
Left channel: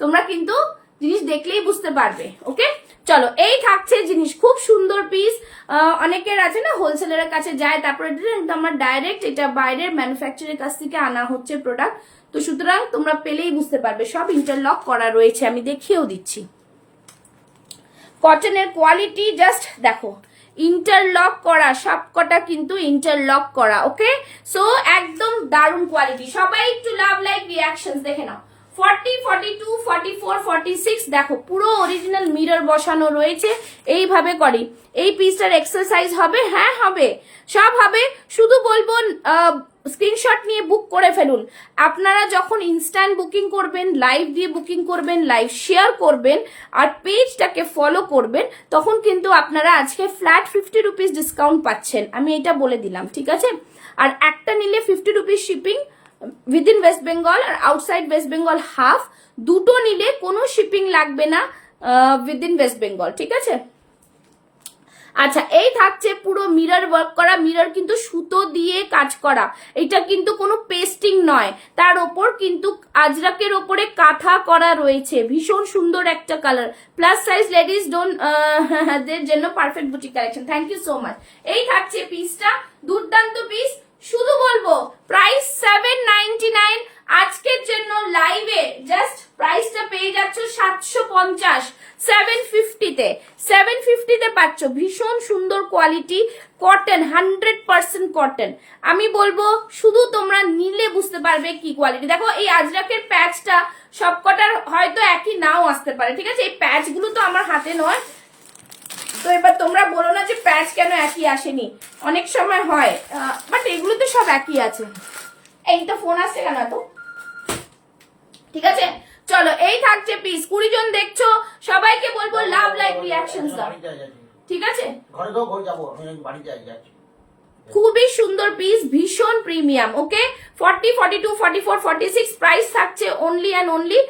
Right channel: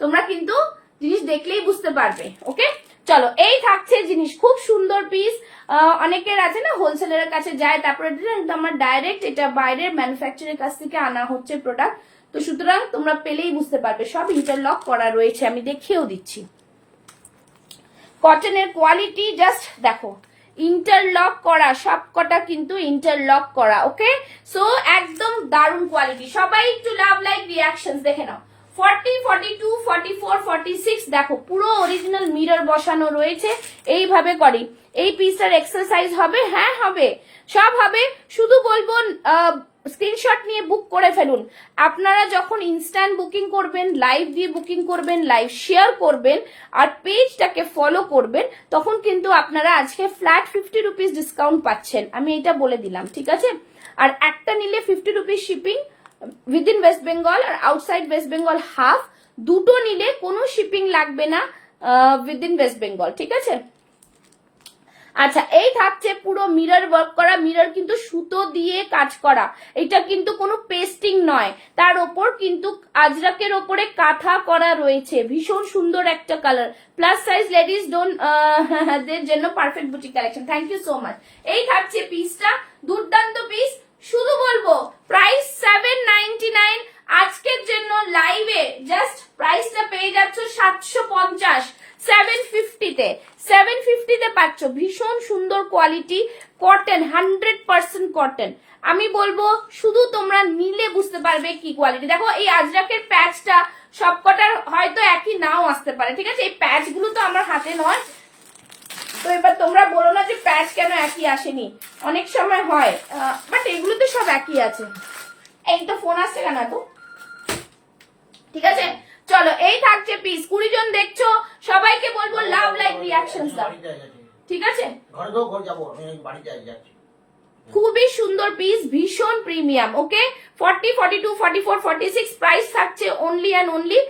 তোমরা কিন্তু জিনিস দেখলেই বুঝতে পারবে, ওকে। চলো এই থাকছে জিনিস, খুব সুন্দর পিস, অনেকের আছে না হোলসেলের কাছে যায়, তারপরে আমরা ডাইরেক্ট এটা বাইরের ম্যানুফ্যাকচারের কাছ থেকে আনা হচ্ছে প্রোডাক্ট, তো সুতরাং তোমরা পেলেই বুঝতে পারবে, সব ইন্টারলক করা রয়েছে, আমি দেখিয়েও দিচ্ছি। কটনের কোয়ালিটি জাস্ট দেখো, ইন্টারলক করা, সবকটা কিন্তু ইন্টারলক করা, ওকে। সো একদম দারুণ কোয়ালিটি, সবাই একটু লাভ লাইক রিয়াকশনস দেখে নাও। 40 42 44 46 দেখো পুরো অরিজিনাল মিরর বসানো রয়েছে, এইভাবে করি। এই পিসটার এক্সারসাইজ হবে, হ্যাঁ হবে, সব হবে, শুধু বলবো স্ক্রিনশট নিয়ে বুক করে ফেলুন। আপনারা যখন ইনস্ট্যান্ট বুকিং করবেন, লাইভ দিয়ে বুকিং করবেন, লাইভ শেয়ার করবেন আর পেজটাকে ফলো করবেন, তখন কিন্তু আপনারা আজকে ফ্ল্যাট 50 রুপিস ডিসকাউন্ট পাচ্ছেন, আমি এটা বলে দিলাম, ঠিক আছে। আর একটা নিলে 50 rupees shipping within West Bengal আর আউটসাইড ওয়েস্ট বেঙ্গল হাফ, দুটো নিলে কোনো শিপিং লাগবে না উইদিন ওয়েস্ট বেঙ্গল, ঠিক আছে। আচ্ছা এই থাকছে পুরো মিরর ওয়ার্ক করা, মিরর কিন্তু সুতো দিয়ে কাজ করা, এটা কিন্তু কোনো পেস্টিং নয়, তার ওপর কিন্তু আজরাকের ওপরে কাঁথা করা রয়েছে, ভীষণ সুন্দর একটা কালার, প্লাস সাইজ লেডিস দের জন্য perfect boutique collection. Thank you so much. এই থাকছে পিসটা, দুর্দান্ত পিস, শুধু বলবো প্রাইস 799, আজকের জন্য লাইভে জাস্ট প্রাইসটা পেয়ে যাচ্ছ 750, 750 তে পাচ্ছ, ভীষণ সুন্দর কোয়ালিটি, কটন 100% কটন। আমি বলবো শুধু তোমরা নিলে বুঝতে পারবে কি কোয়ালিটি। দেখো এই আজরাকের প্যাচটা সবকটার হয়তো একই নাও আসতে পারে, ঠিক আছে, এই প্যাচ গুলো তো আমার হাতে নয়, তো এবার তোমরা বলো না যে প্যাচ কেন একই আসেনি, অনেক সময় হয়, বাট এগুলো তো সব একই আছে। এইটা ফোন আসছে কেন তো, ঠিক আছে চলো এই থাকছে পিস। 20 জন দেখছো, সবাইকে বলবো লাভ লাইক রিয়াকশনস দাও, ঠিক আছে? খুবই সুন্দর পিস, ভীষণ প্রিমিয়াম। ওকে 40, 42, 44, 46 প্রাইস থাকছে only and only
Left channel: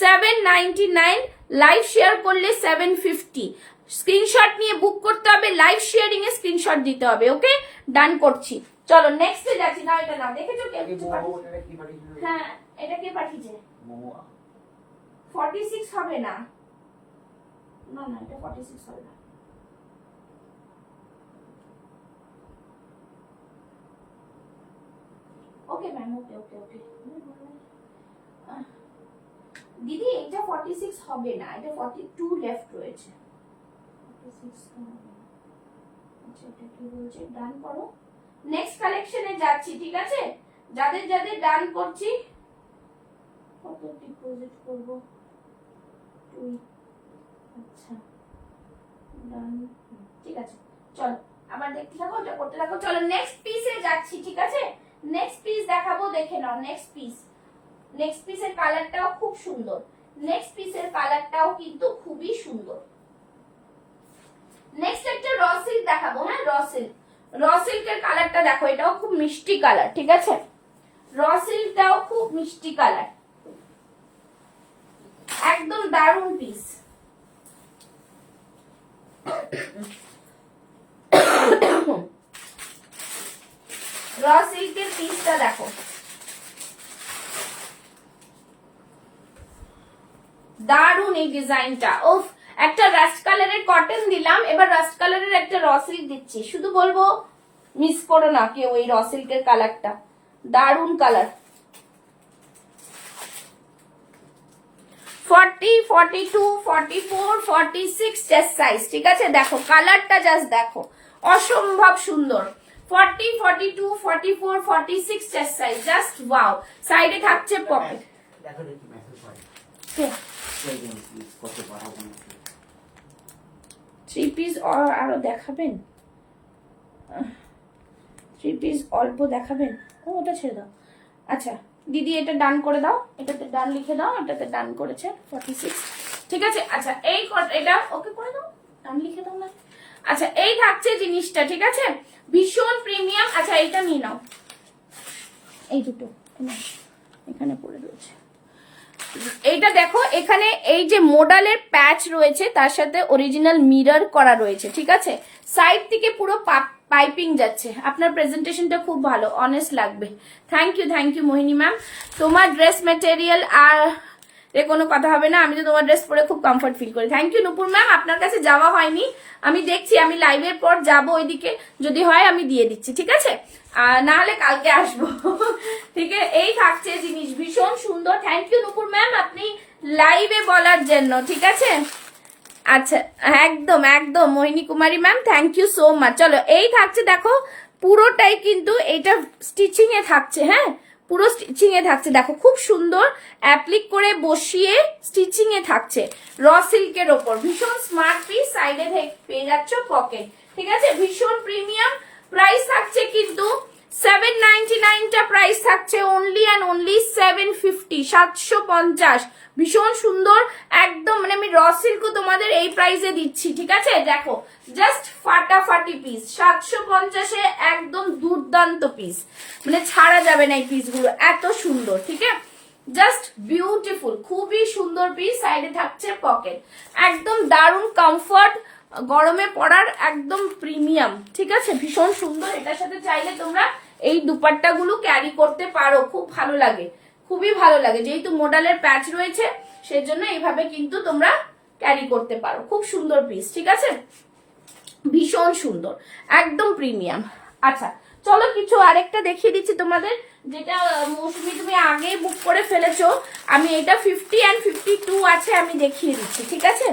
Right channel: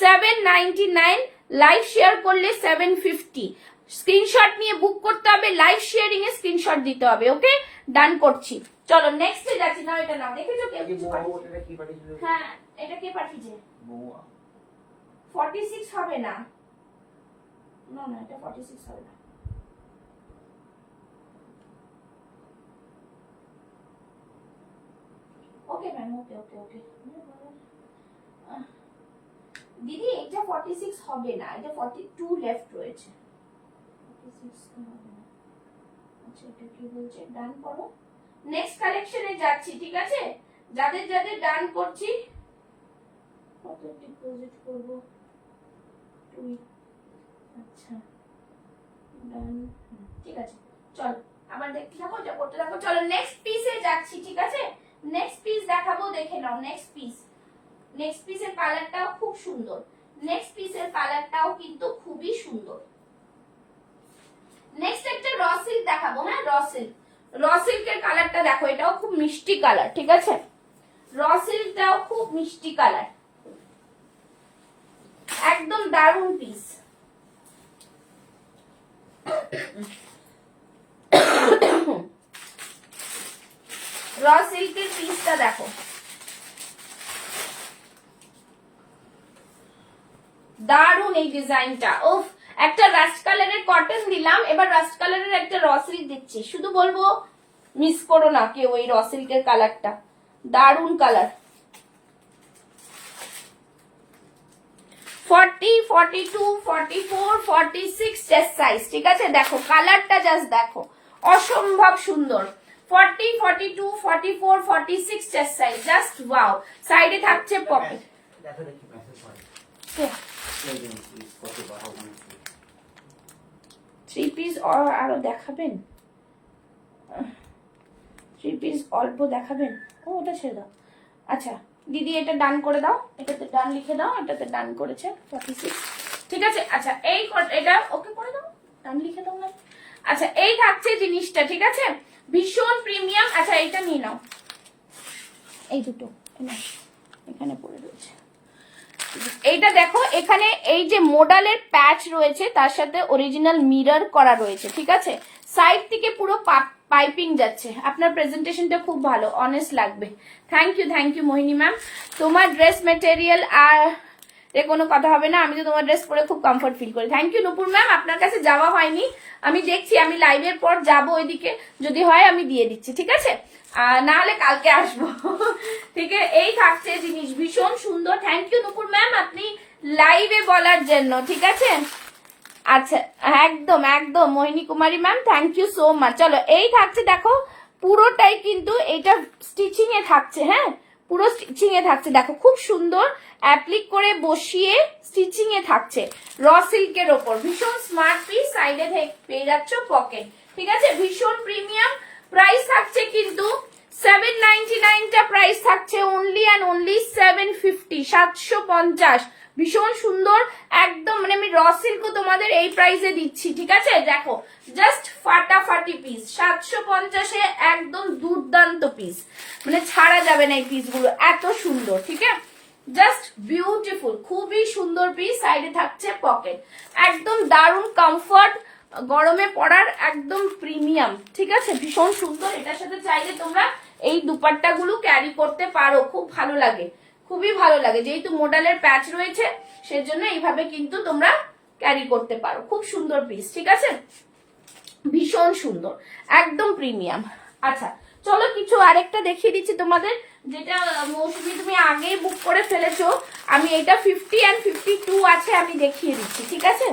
799। Live share করলে 750। স্ক্রিনশট নিয়ে বুক করতে হবে, লাইভ শেয়ারিং এ স্ক্রিনশট দিতে হবে। ওকে ডান করছি, চলো নেক্সট এ যাচ্ছি। না এটা নাও, দেখেছো কে পাঠিয়েছে? হ্যাঁ এটা কে পাঠিয়েছে? 46 হবে না, না না এটা 46 হবে না। ওকে ম্যাম, ওকে ওকে ওকে দিদি এটা 46 হবে না, এটা 42 লেফট রয়েছে। 46 আচ্ছা এটা কি বলছে? ডান করো, নেক্সট কালেকশনে যাচ্ছি, ঠিক আছে? যাদের যাদের ডান করছি, কত ডিপোজিট করব? 2। আচ্ছা ডান, ঠিক আছে চলো আবার দেখতে থাকো, এটা করতে থাকো। চলো নেক্সট পিসে যাচ্ছি, ঠিক আছে? নেক্সট পিস দেখাবো, দেখে নাও নেক্সট পিস। নেক্সট পিসের কালারটাও খুব সুন্দর, নেক্সট পিসের কালারটাও কিন্তু খুবই সুন্দর। নেক্সট একটা র সিল্ক দেখাবো। হ্যাঁ র সিল্ক, র সিল্কের কালারটা দেখো, এটাও খুব মিষ্টি কালার, ঠিক আছে? র সিল্কটাও খুব মিষ্টি কালার, একদম দারুণ পিস। র সিল্কের পিসটা দেখো, দারুন এই ডিজাইনটা। ওফ, একটা রাস্ট কালারের কটন দিলাম, এবার রাস্ট কালারের একটা র সিল্ক দিচ্ছি। শুধু বলবো মিস করো না কেউ ওই র সিল্কের কালারটা, দারুন কালার। 40, 42, 44, 46 চেস্ট সাইজ, ঠিক আছে? দেখো কালারটা জাস্ট দেখো, অসম্ভব সুন্দর। 40, 42, 44, 46 চেস্ট সাইজ, জাস্ট ওয়াও। সাইডে থাকছে পকেট। থ্রি পিস আরো দেখাবেন? থ্রি পিস অল্প দেখাবেন? ও ওটা ছেড়ে দাও। আচ্ছা দিদি এটা ডান করে দাও, এটাতে ডান লিখে দাও, এটাতে ডান করেছে 46, ঠিক আছে? আচ্ছা এই এটা ওকে করে দাও, ডান লিখে দাও না। আচ্ছা এই থাকছে জিনিসটা, ঠিক আছে? ভীষণ প্রিমিয়াম। আচ্ছা এইটা নিয়ে নাও, এই দুটো এখানে পড়ে রয়েছে। এইটা দেখো, এখানে এই যে মোডালের প্যাচ রয়েছে, তার সাথে অরিজিনাল মিরর করা রয়েছে, ঠিক আছে? সাইড থেকে পুরো পাইপিং যাচ্ছে। আপনার প্রেজেন্টেশনটা খুব ভালো, অনেস্ট লাগবে। Thank you Mohini ma'am. তোমার ড্রেস মেটেরিয়াল আর এ কোনো কথা হবে না, আমি তো তোমার ড্রেস পরে খুব কমফর্ট ফিল করি। থ্যাংক ইউ নুপুর ম্যাম, আপনার কাছে যাওয়া হয়নি, আমি দেখছি, আমি লাইভের পর যাবো ওইদিকে, যদি হয় আমি দিয়ে দিচ্ছি, ঠিক আছে? না হলে কালকে আসবো, ঠিক আছে? এই থাকছে জিনিস, ভীষণ সুন্দর। থ্যাংক ইউ নুপুর ম্যাম, আপনি লাইভে বলার জন্য, ঠিক আছে? আচ্ছা একদম একদম Mohini Kumari ma'am, thank you so much. চলো এই থাকছে দেখো, পুরোটাই কিন্তু এটা স্টিচিং এ থাকছে। হ্যাঁ পুরো স্টিচিং এ থাকছে, দেখো খুব সুন্দর অ্যাপ্লিক করে বসিয়ে স্টিচিং এ থাকছে র সিল্কের ওপর। ভীষণ স্মার্ট পিস, সাইডে পেয়ে যাচ্ছ পকেট, ঠিক আছে? ভীষণ প্রিমিয়াম। প্রাইস থাকছে কিন্তু 799টা প্রাইস থাকছে অনলি অ্যান্ড অনলি 750, 750। ভীষণ সুন্দর একদম, মানে আমি র সিল্কও তোমাদের এই প্রাইসে দিচ্ছি, ঠিক আছে? দেখো জাস্ট ফাটাফাটি পিস, 750-এ একদম দুর্দান্ত পিস, মানে ছাড়া যাবে না এই পিসগুলো, এত সুন্দর, ঠিক আছে? জাস্ট বিউটিফুল, খুবই সুন্দর পিস। সাইডে থাকছে পকেট, একদম দারুণ কমফর্ট, গরমে পরার একদম প্রিমিয়াম, ঠিক আছে? ভীষণ সুন্দর। এটার সাথে চাইলে তোমরা এই দুপাট্টা গুলো ক্যারি করতে পারো, খুব ভালো লাগে, খুবই ভালো লাগে। যেহেতু মোডালের প্যাচ রয়েছে সেই জন্য এইভাবে কিন্তু তোমরা ক্যারি করতে পারো। খুব সুন্দর পিস, ঠিক আছে? ভীষণ সুন্দর, একদম প্রিমিয়াম। আচ্ছা চলো কিছু আরেকটা দেখিয়ে দিচ্ছি তোমাদের, যেটা মৌসুমি তুমি আগে বুক করে ফেলেছো। আমি এটা 50 and 52 আছে, আমি দেখিয়ে দিচ্ছি, ঠিক আছে?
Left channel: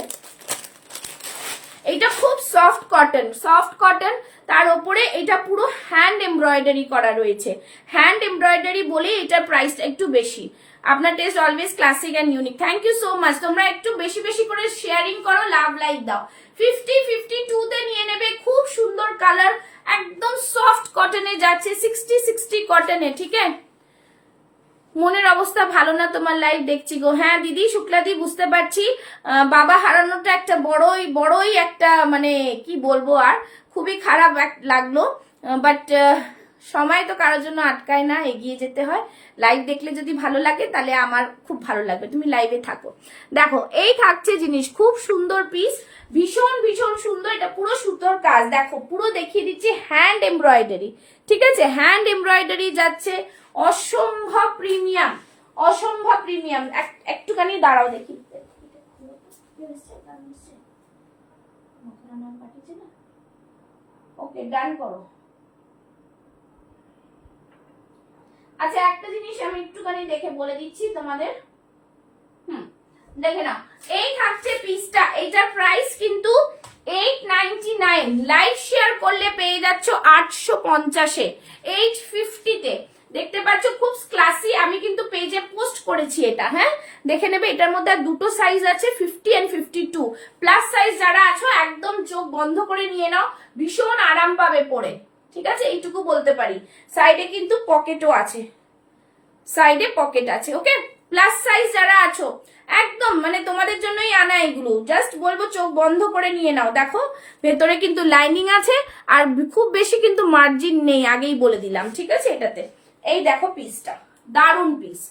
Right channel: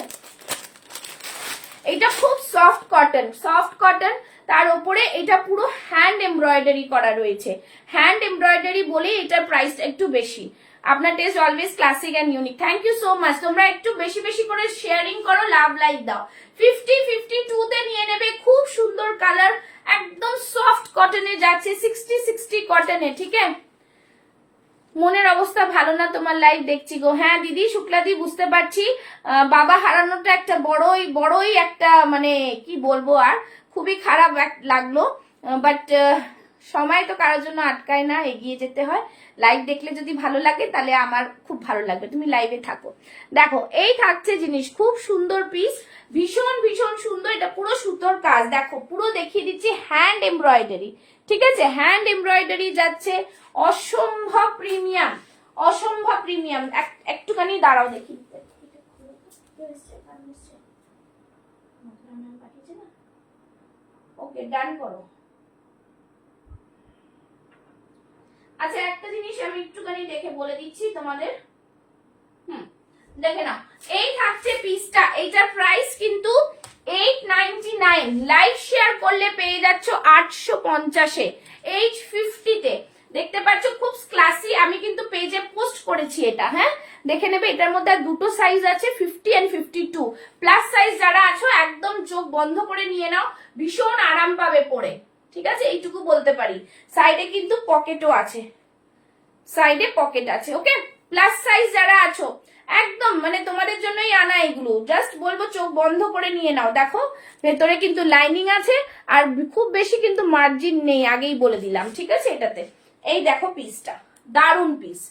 এটা খুব সফট কটন, সফট কটন, তার উপরে এটা পুরো হ্যান্ড এমব্রয়ডারি করা রয়েছে। হ্যান্ড এমব্রয়ডারি বলে এটার প্রাইসটা একটু বেশি। আপনার taste always classic and unique. Thank you so much. তোমরা একটু বেশি বেশি করে শেয়ারিং করো, লাভ লাইক দাও। 50-52 তে নিয়ে নেবে, খুব সুন্দর কালার, একদম সফট কটনে যাচ্ছে, 60-60 কটনে। ঠিক আছে, মনের অবস্থা ভালো না তোমার, লাইভ দেখছি গো। হ্যাঁ দিদি, শুক্লাদি, বুঝতে পারছি। বাবা হারানোটা একটা বড়ই একটা মানে কি বলবো, আর খুবই খারাপ লাগলো। বাট সময় তো কারোর জন্য আটকায় না, এগিয়ে যেতে হয়। লাইভ দেখলে যদি ভালো লাগে তাহলে আমার খুব ভালো লাগবে, তুমি লাইভে থাকো। দেখো এই থাকছে জিনিস, খুব সুন্দর পিস, ভীষণ ভীষণ সুন্দর। এটা পুরো সুতোর কাজ, দেখো পুরো দেখিয়ে দিচ্ছি, হ্যান্ড এমব্রয়ডারি। ঠিক আছে, হ্যান্ড এমব্রয়ডারি যাচ্ছে, অসম্ভব প্রিমিয়াম, অসম্ভব প্রিমিয়াম। একটুখানি দাঁড়াও দেখি, ওকে ডান করো। আচ্ছা একটা জিনিস আমি একটুখানি দেখে বলে দিচ্ছি তোমাদের, দেখে নাও। এই থাকছে পিসটা, এইটার প্রাইস কিন্তু 899, লাইভ শেয়ার করলে পেয়ে যাচ্ছ 850-এ, 850-তে। দেখতে পাচ্ছ খুব ক্লাসি, আমি কিন্তু পেজে পোস্ট করেছি এটা, হ্যাঁ দেখে নেবে। এটার মধ্যে আর দুটো সাইজ আছে, 50 and 52 প্লাস সাইজ। যারা আছো একদম চোখ বন্ধ করে নিয়ে নাও, ভীষণ আরাম পাবে পরে। ঠিক আছে, এইটুকু বলতে পারি। সাইডে কিন্তু পকেটও আছে, সাইডে পকেট আছে। ওকে, প্লাস সাইজ যারা আছো একদম মানে তোমাদের জন্যই আনা এগুলো, জাস্ট বলবো চোখ বন্ধ করে নিয়ে নাও। দেখো ভেতরে কিন্তু লাইনিং আছে, আর খুব বেশি কিন্তু মার্জিন নেই, আগেই বলে দিলাম। ঠিক আছে, এটাতে এই দেখো পিসটা, দারুন পিস,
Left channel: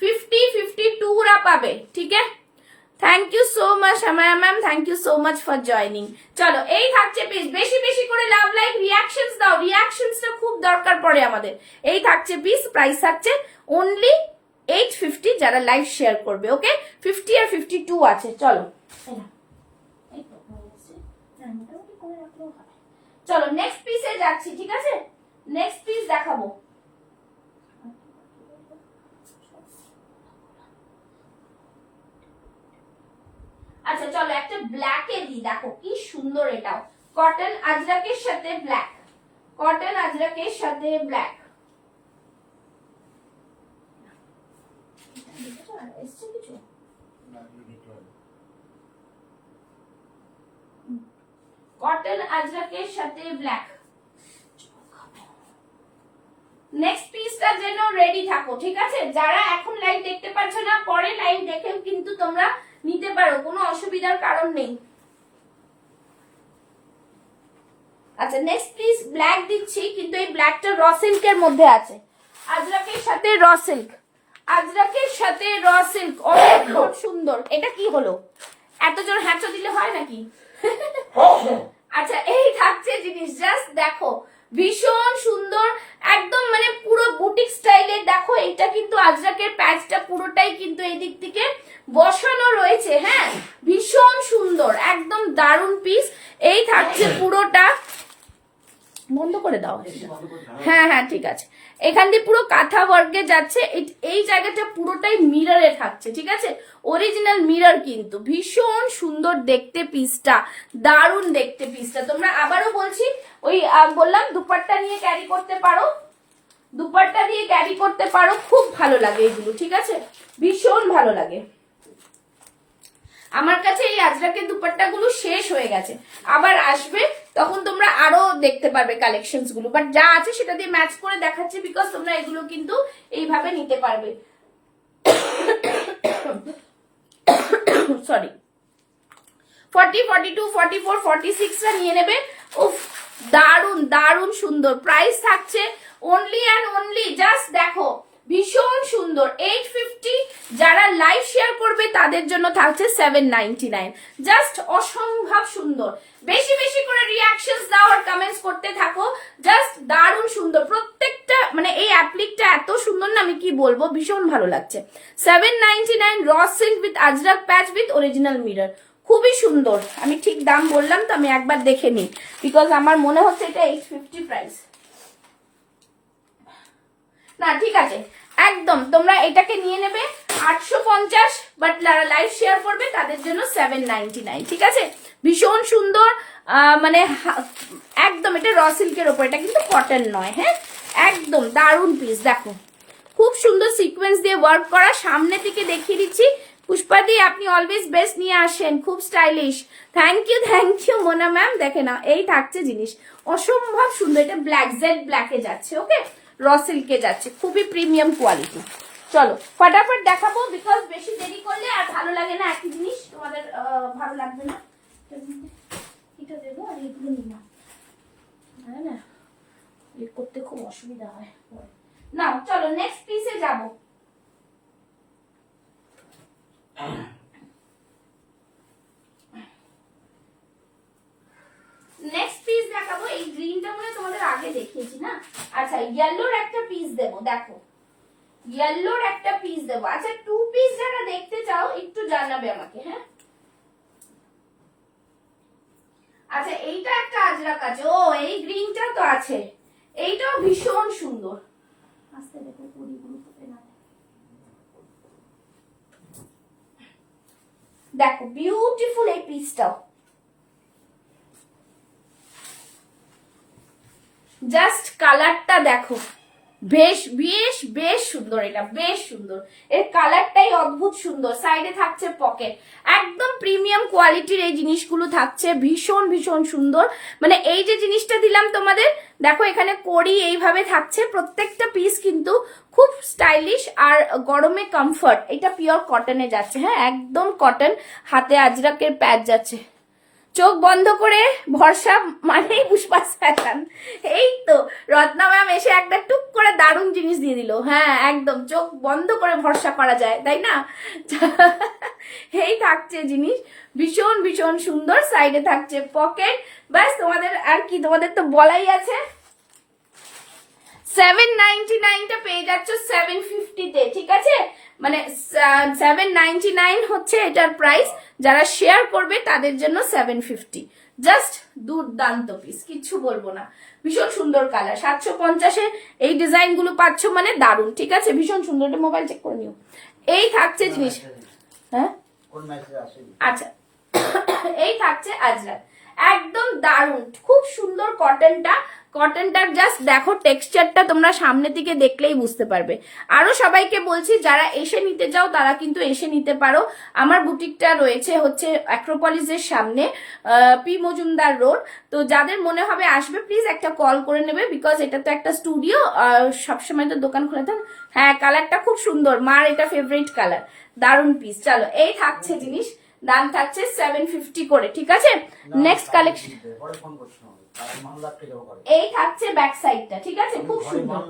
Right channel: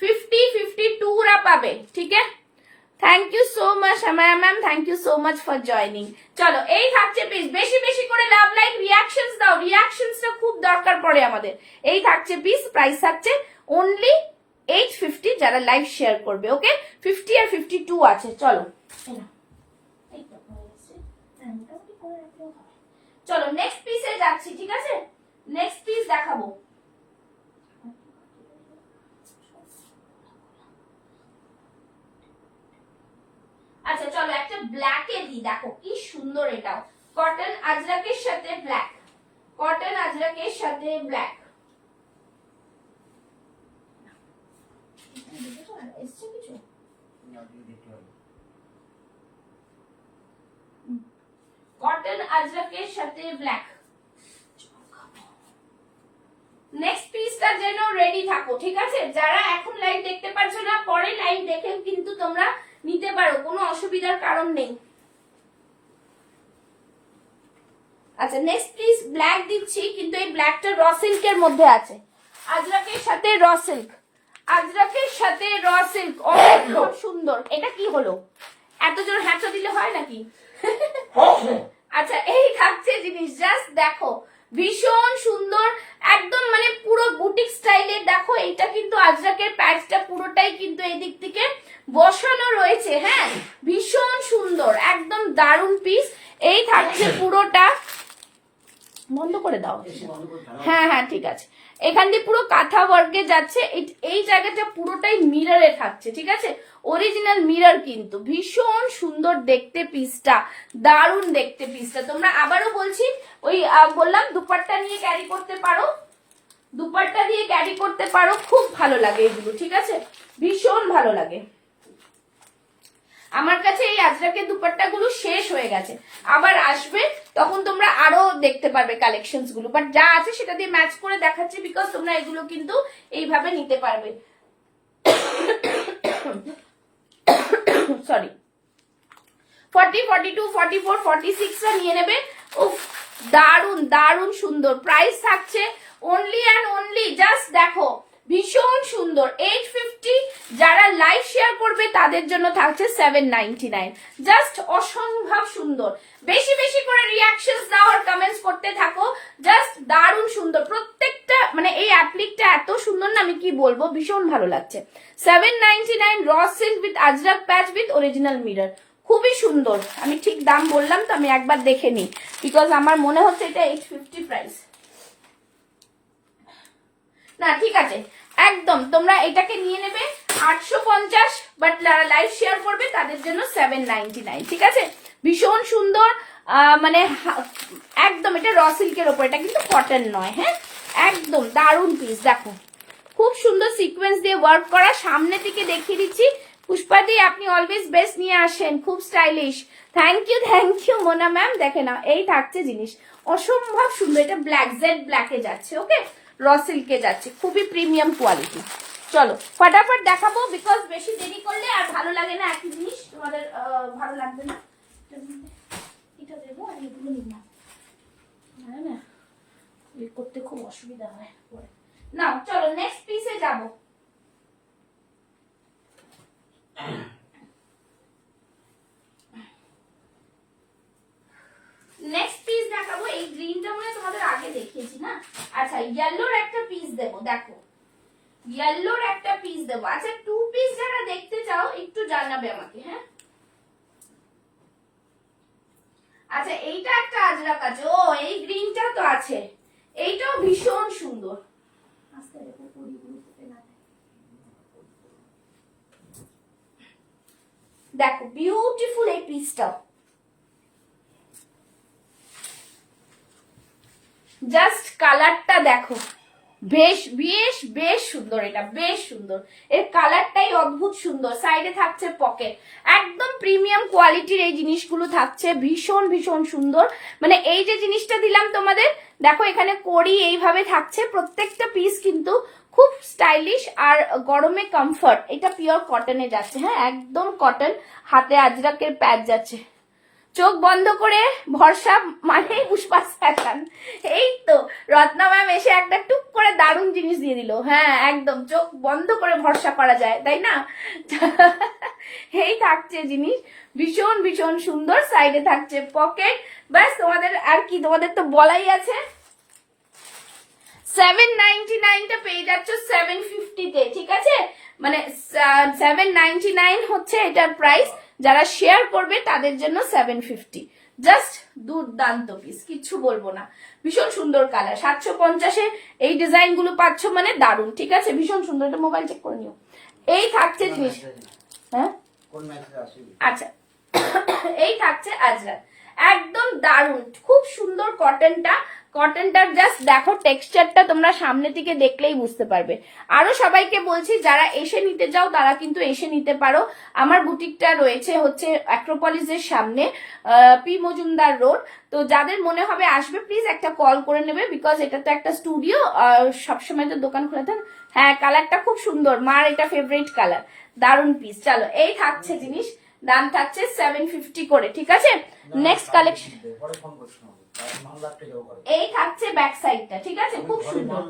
50-52 পাবে। ঠিক আছে, থ্যাংক ইউ সো মাচ আমার ma'am, thank you so much for joining. চলো এই থাকছে পিস, বেশি বেশি করে লাভ লাইক রিয়াকশনস দাও, রিয়াকশনসটা খুব দরকার পড়ে আমাদের। এই থাকছে পিস, প্রাইস থাকছে অনলি 850 যারা লাইভ শেয়ার করবে। ওকে, 50 আর 52 আছে। চলো চলো নেক্সট পিসে যাচ্ছি। ঠিক আছে, নেক্সট পিস দেখাবো। আচ্ছা চলো একটা ব্ল্যাকে দিই, দেখো কি সুন্দর, এটাও কটন আজরাকের সাথে ব্ল্যাক, কটন আজরাকের সাথে ব্ল্যাক। কটন আজরাকের সাথে ব্ল্যাক। নেক্সট পিসটা যেন রেডি থাকো। ঠিক আছে, যারা এখন লাইভ দেখতে পাচ্ছ না, পরে লাইভ দেখে কিন্তু তোমরা নিতে পারো, কোনো অসুবিধার কারণ নেই। আচ্ছা নেক্সট পিস ব্ল্যাক দিচ্ছি, কিন্তু এই ব্ল্যাকটা র সিল্কের মধ্যে আছে, আজরাকের সাথে র সিল্ক, আজরাকের সাথে র সিল্ক। খুব সুন্দর। এটা কি হলো, এত জোর হ্যাঁচো দিলে হয় নাকি? আচ্ছা এই থাকছে জিনিস, জাস্ট দেখো ভীষণ সুন্দর, একদম মানে পুরো বুটিক স্টাইলের। দেখো এটা কিন্তু আজরাকের প্যাচটা পুরোটাই কিন্তু এই দিক থেকে বসানো রয়েছে। হ্যাঁ ভীষণ সুন্দর, একদম দারুন পিস। এই থাকছে পুরোটা, বন্ধ করে দাও। হ্যাঁ হ্যাঁ ঠিক আছে, এখান দিয়ে পুরো কাঁথা ওয়ার্কে যাচ্ছে। এই জায়গাটা পুরোটাই মিররে থাকছে। ঠিক আছে, অরিজিনাল মিরর, কিন্তু ভীষণ সুন্দর দেখতে পিসটা, দারুণ দেখতে পিসটা। তোমরা আবারও বলছি, ওই বললাম দুপাট্টা নিয়ে ক্যারি করতে পারো, দুপাট্টা দিয়ে ক্যারি করতে পারো, খুব ভালো লাগে এগুলো। ঠিক আছে, ভীষণ ভালো লাগে। আমার কাছে এই আজরাকের দুপাট্টা গুলো শেষ হয়ে গেছে, আবার আসবে, তখন তোমরা আরো দেখতে পারবে কালেকশনস গুলো। বাট যা আছে সেটা দিয়ে ম্যাচ করে দেখাচ্ছি, বিকজ তোমরা এগুলো কিন্তু এইভাবে নিতে পারবে। সরি, 40, 42, 44, 46 নিয়ে নেবে। উফ দারুন দারুন সুন্দর। প্রাইস থাকছে অনলি অ্যান্ড অনলি, জাস্ট দেখো ভীষণ সুন্দর, 850। যারা লাইভ শেয়ার করবে তাদের জন্য থাকছে 799, জাস্ট অসম্ভব সুন্দর। বেশি বেশি করে রিয়াকশনস দাও আর কমেন্টস করতে থাকো, জাস্ট দারুণ সুন্দর প্রত্যেকটা। মানে এই অ্যাপ্লিকটা এত সুন্দর না, আমি কি বলবো, ভীষণ ভালো লাগছে। 799 raw silk with Ajrak patch with original mirror, খুবই সুন্দর। আমি ঠিক দাম বললাম তো, আমি একবার দেখে নিই, বিকজ আমার মনে হচ্ছে এটা 850 প্রাইস না। ঠিক আছে, একদম তোমরা এটাকে নিয়ে নেবে 850, বাট যারা লাইভ শেয়ার করবে তাদের জন্য 799। ঠিক আছে, ভীষণ সুন্দর, মানে একদম এটা র সিল্কের ওপর, এটা কিন্তু কটন নয়। হ্যাঁ একদম দারুণ পিস, দেখো খুব সুন্দর সিকোয়েন্স দিয়ে ওয়ার্ক করা। সামনে থেকে দেখিয়ে দিচ্ছি। পুষ্পাদি আপনি অলওয়েজ বেস্ট নিয়ে আসেন, খুব stylish. Thank you Mona ma'am. দেখে না, এই থাকছে জিনিস, অসম্ভব সুন্দর। এটা ব্ল্যাক, জেড ব্ল্যাকে যাচ্ছে, ওকে, র সিল্কে যাচ্ছে, খুবই প্রিমিয়াম কোয়ালিটি। চলো ফটাফট দেখাবো, বিকজ বেশি দেরি করলে আর ভালো লাগে না, একই জিনিস তোমাদের ভালো লাগবে না। এটা দেবো আর এগুলো নিলাম, না করতে খুব অসুবিধা হয় না। চলো নেক্সট পিসে যাবো। নেক্সট পিস দেখাবো। এই গ্রিনটা মনে তোমাদের আগে দেখিয়েছি না। আচ্ছা ইয়েলোর একটা পিস দেবো, দেখো ইয়েলোর একটা পিস দেবো। আচ্ছা 2 পিস যারা দেখতে চাও একটু জানাবে আমাকে, হ্যাঁ। আচ্ছা এইটা একটা আজরাক আছে, ও এই গ্রিনটা তো আছে, এইটাও ভীষণ সুন্দর। আস্তে দেখো পরিগুলো ফুটে না, দেখো বিউটিফুল এই পিসটাও, জাস্ট কালারটা দেখো, বেশ বেশ বেশ সুন্দর। এটা বেশ সুন্দর, এর কালারটাই অদ্ভুত সুন্দর। সাইডে থাকছে পকেট, একদম প্রিমিয়াম কোয়ালিটির এই জিনিসগুলো থাকছে, ভীষণ ভীষণ সুন্দর। মানে এই যে জিনিসটা দিলাম তোমাদের, দেখো এখানে কড়ি এইভাবে থাকছে, প্রত্যেকটা পিস কিন্তু খুব স্টাইলিশ আর গরমে কমফর্ট। এটা পিওর কটনে যাচ্ছে, হ্যাঁ একদম কটন। হাতে আজরাকের প্যাচ যাচ্ছে, চোখ বন্ধ করে ভরসা মানে পুষ্পাস ফ্যাশন। এই তো রত্না ম্যাম এসে একটা টুক করে দারুণ জিনিস দিয়ে দিল। হ্যাঁ একদম চোখ বন্ধ করে ভরসা করা যায়, তাই না? এই থাকছে জিনিস, ভীষণ ভীষণ সুন্দর। সাইডে থাকছে পকেট। ব্যাস তোমাদের আর কি, তোমাদের তো বলাই আছে। 799টা পেয়ে যাচ্ছ 750-তে, ঠিক আছে? মানে 799 হচ্ছে এটার প্রাইস। যারা শেয়ার করবে তাদের জন্য 750। জাস্ট দুর্দান্ত পিস, কিচ্ছু বলবো না। ভীষণ সুন্দর কালার। 750-এ এই ডিজাইন গুলো পাচ্ছ মানে দারুণ, ঠিক আছে? ভীষণ সুন্দর। এটা মোবাইল চেক করে নিও। এই থাকছে জিনিস, হ্যাঁ আচ্ছা এই থাকছে আজরাক, একদম দারুণ, খুব সুন্দর কটনটা। কটনটার জাস্ট দেখো টেক্সচারটা, তোমরা সামনে থেকে দেখলেই বুঝতে পারবে। আরো সবাইকে বলছি যারা এসে নিতে চাও তারা কিন্তু এসে নিতে পারো। আমার বুটিকটা রয়েছে হচ্ছে অ্যাক্রোপলিসের সামনে, পি মজুমদার রোড। তো যাদের মনে হবে আসবে প্লিজ একটা কল করে নেবে, বিকজ এটা তো একটা স্টুডিও, সবসময় তো দোকান খোলা থাকে। হ্যাঁ কালারটা খুব সুন্দর, মার এটা ফেভারিট কালার, দারুণ পিস। চলো এই থাকছে জিনিস, দাম থাকছে 750 করে, ঠিক আছে? নেক্সট কালেকশন, এই থাকছে ব্যাক সাইডটা, ঠিক আছে? খুব সুন্দর।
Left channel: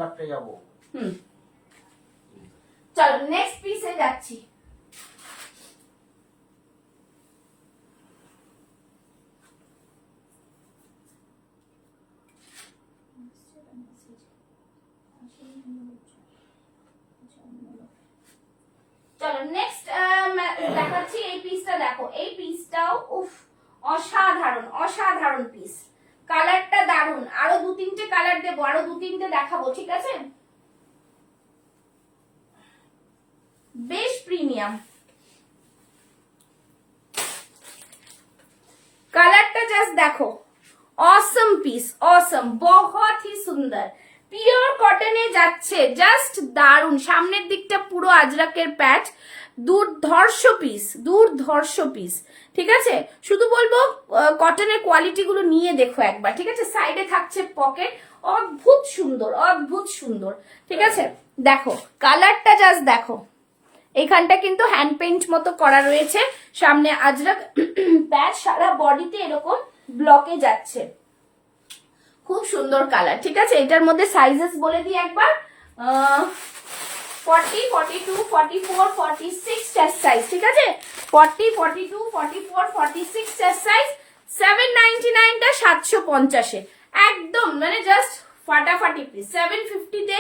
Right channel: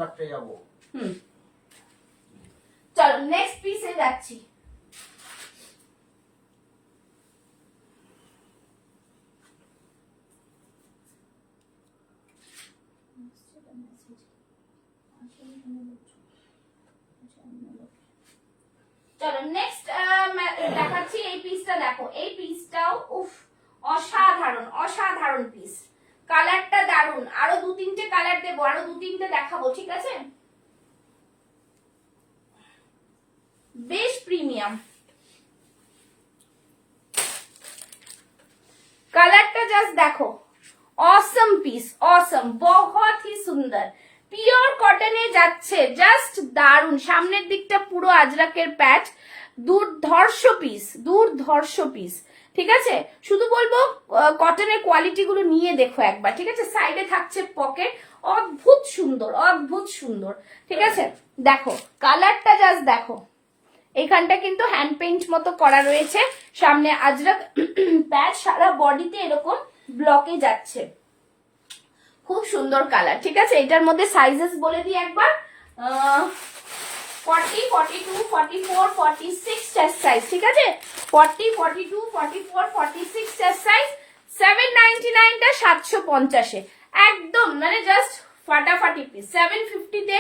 চলো নেক্সট পিসে যাচ্ছি। চলো নেক্সট দেখাচ্ছি। এই পিসটা দেখো, এই পিসটাও উফ অসাধারণ, অসাধারণ পিস। কালারটা দারুন, আরো 2-3টে কালার দেবো, আরো 2-3টে দেখাবো, ঠিক আছে? বেশ প্রিমিয়াম কালারটা, জাস্ট দেখো, অসম পিস, অসম, বহুত হি সুন্দর। পিওর কটনে যাচ্ছে, জাস্ট দারুন। সামনের দিকটা পুরো আজরাকের প্যাচ, দুর্ধর্ষ পিস, দুর্ধর্ষ পিস, ঠিক আছে? শুধু বলবো কটনের কোয়ালিটি গুলো নিয়ে দেখো একবার, ঠিক আছে? সাইডে থাকছে পকেট, অদ্ভুত সুন্দর, অদ্ভুত সুন্দর, ঠিক আছে? দেখো কালারটা জাস্ট দেখো, এইখানটা কিন্তু হ্যান্ড পেইন্ট মতো করা রয়েছে। সামনে আজরাক প্যাচ, সারা বডিতে এরকম ব্লকে যাচ্ছে, খুব সুন্দর কালার, ঠিক আছে? এটার মধ্যে সাইজেস বলে দিই একবার, 40, 42, 44, 46 চেস্ট সাইজ, ঠিক আছে? 40, 42, 44, 46 চেস্ট সাইজ। 799টা 750-এ, একদম মানে জাস্ট ফাটাফাটি পিস। 750-তে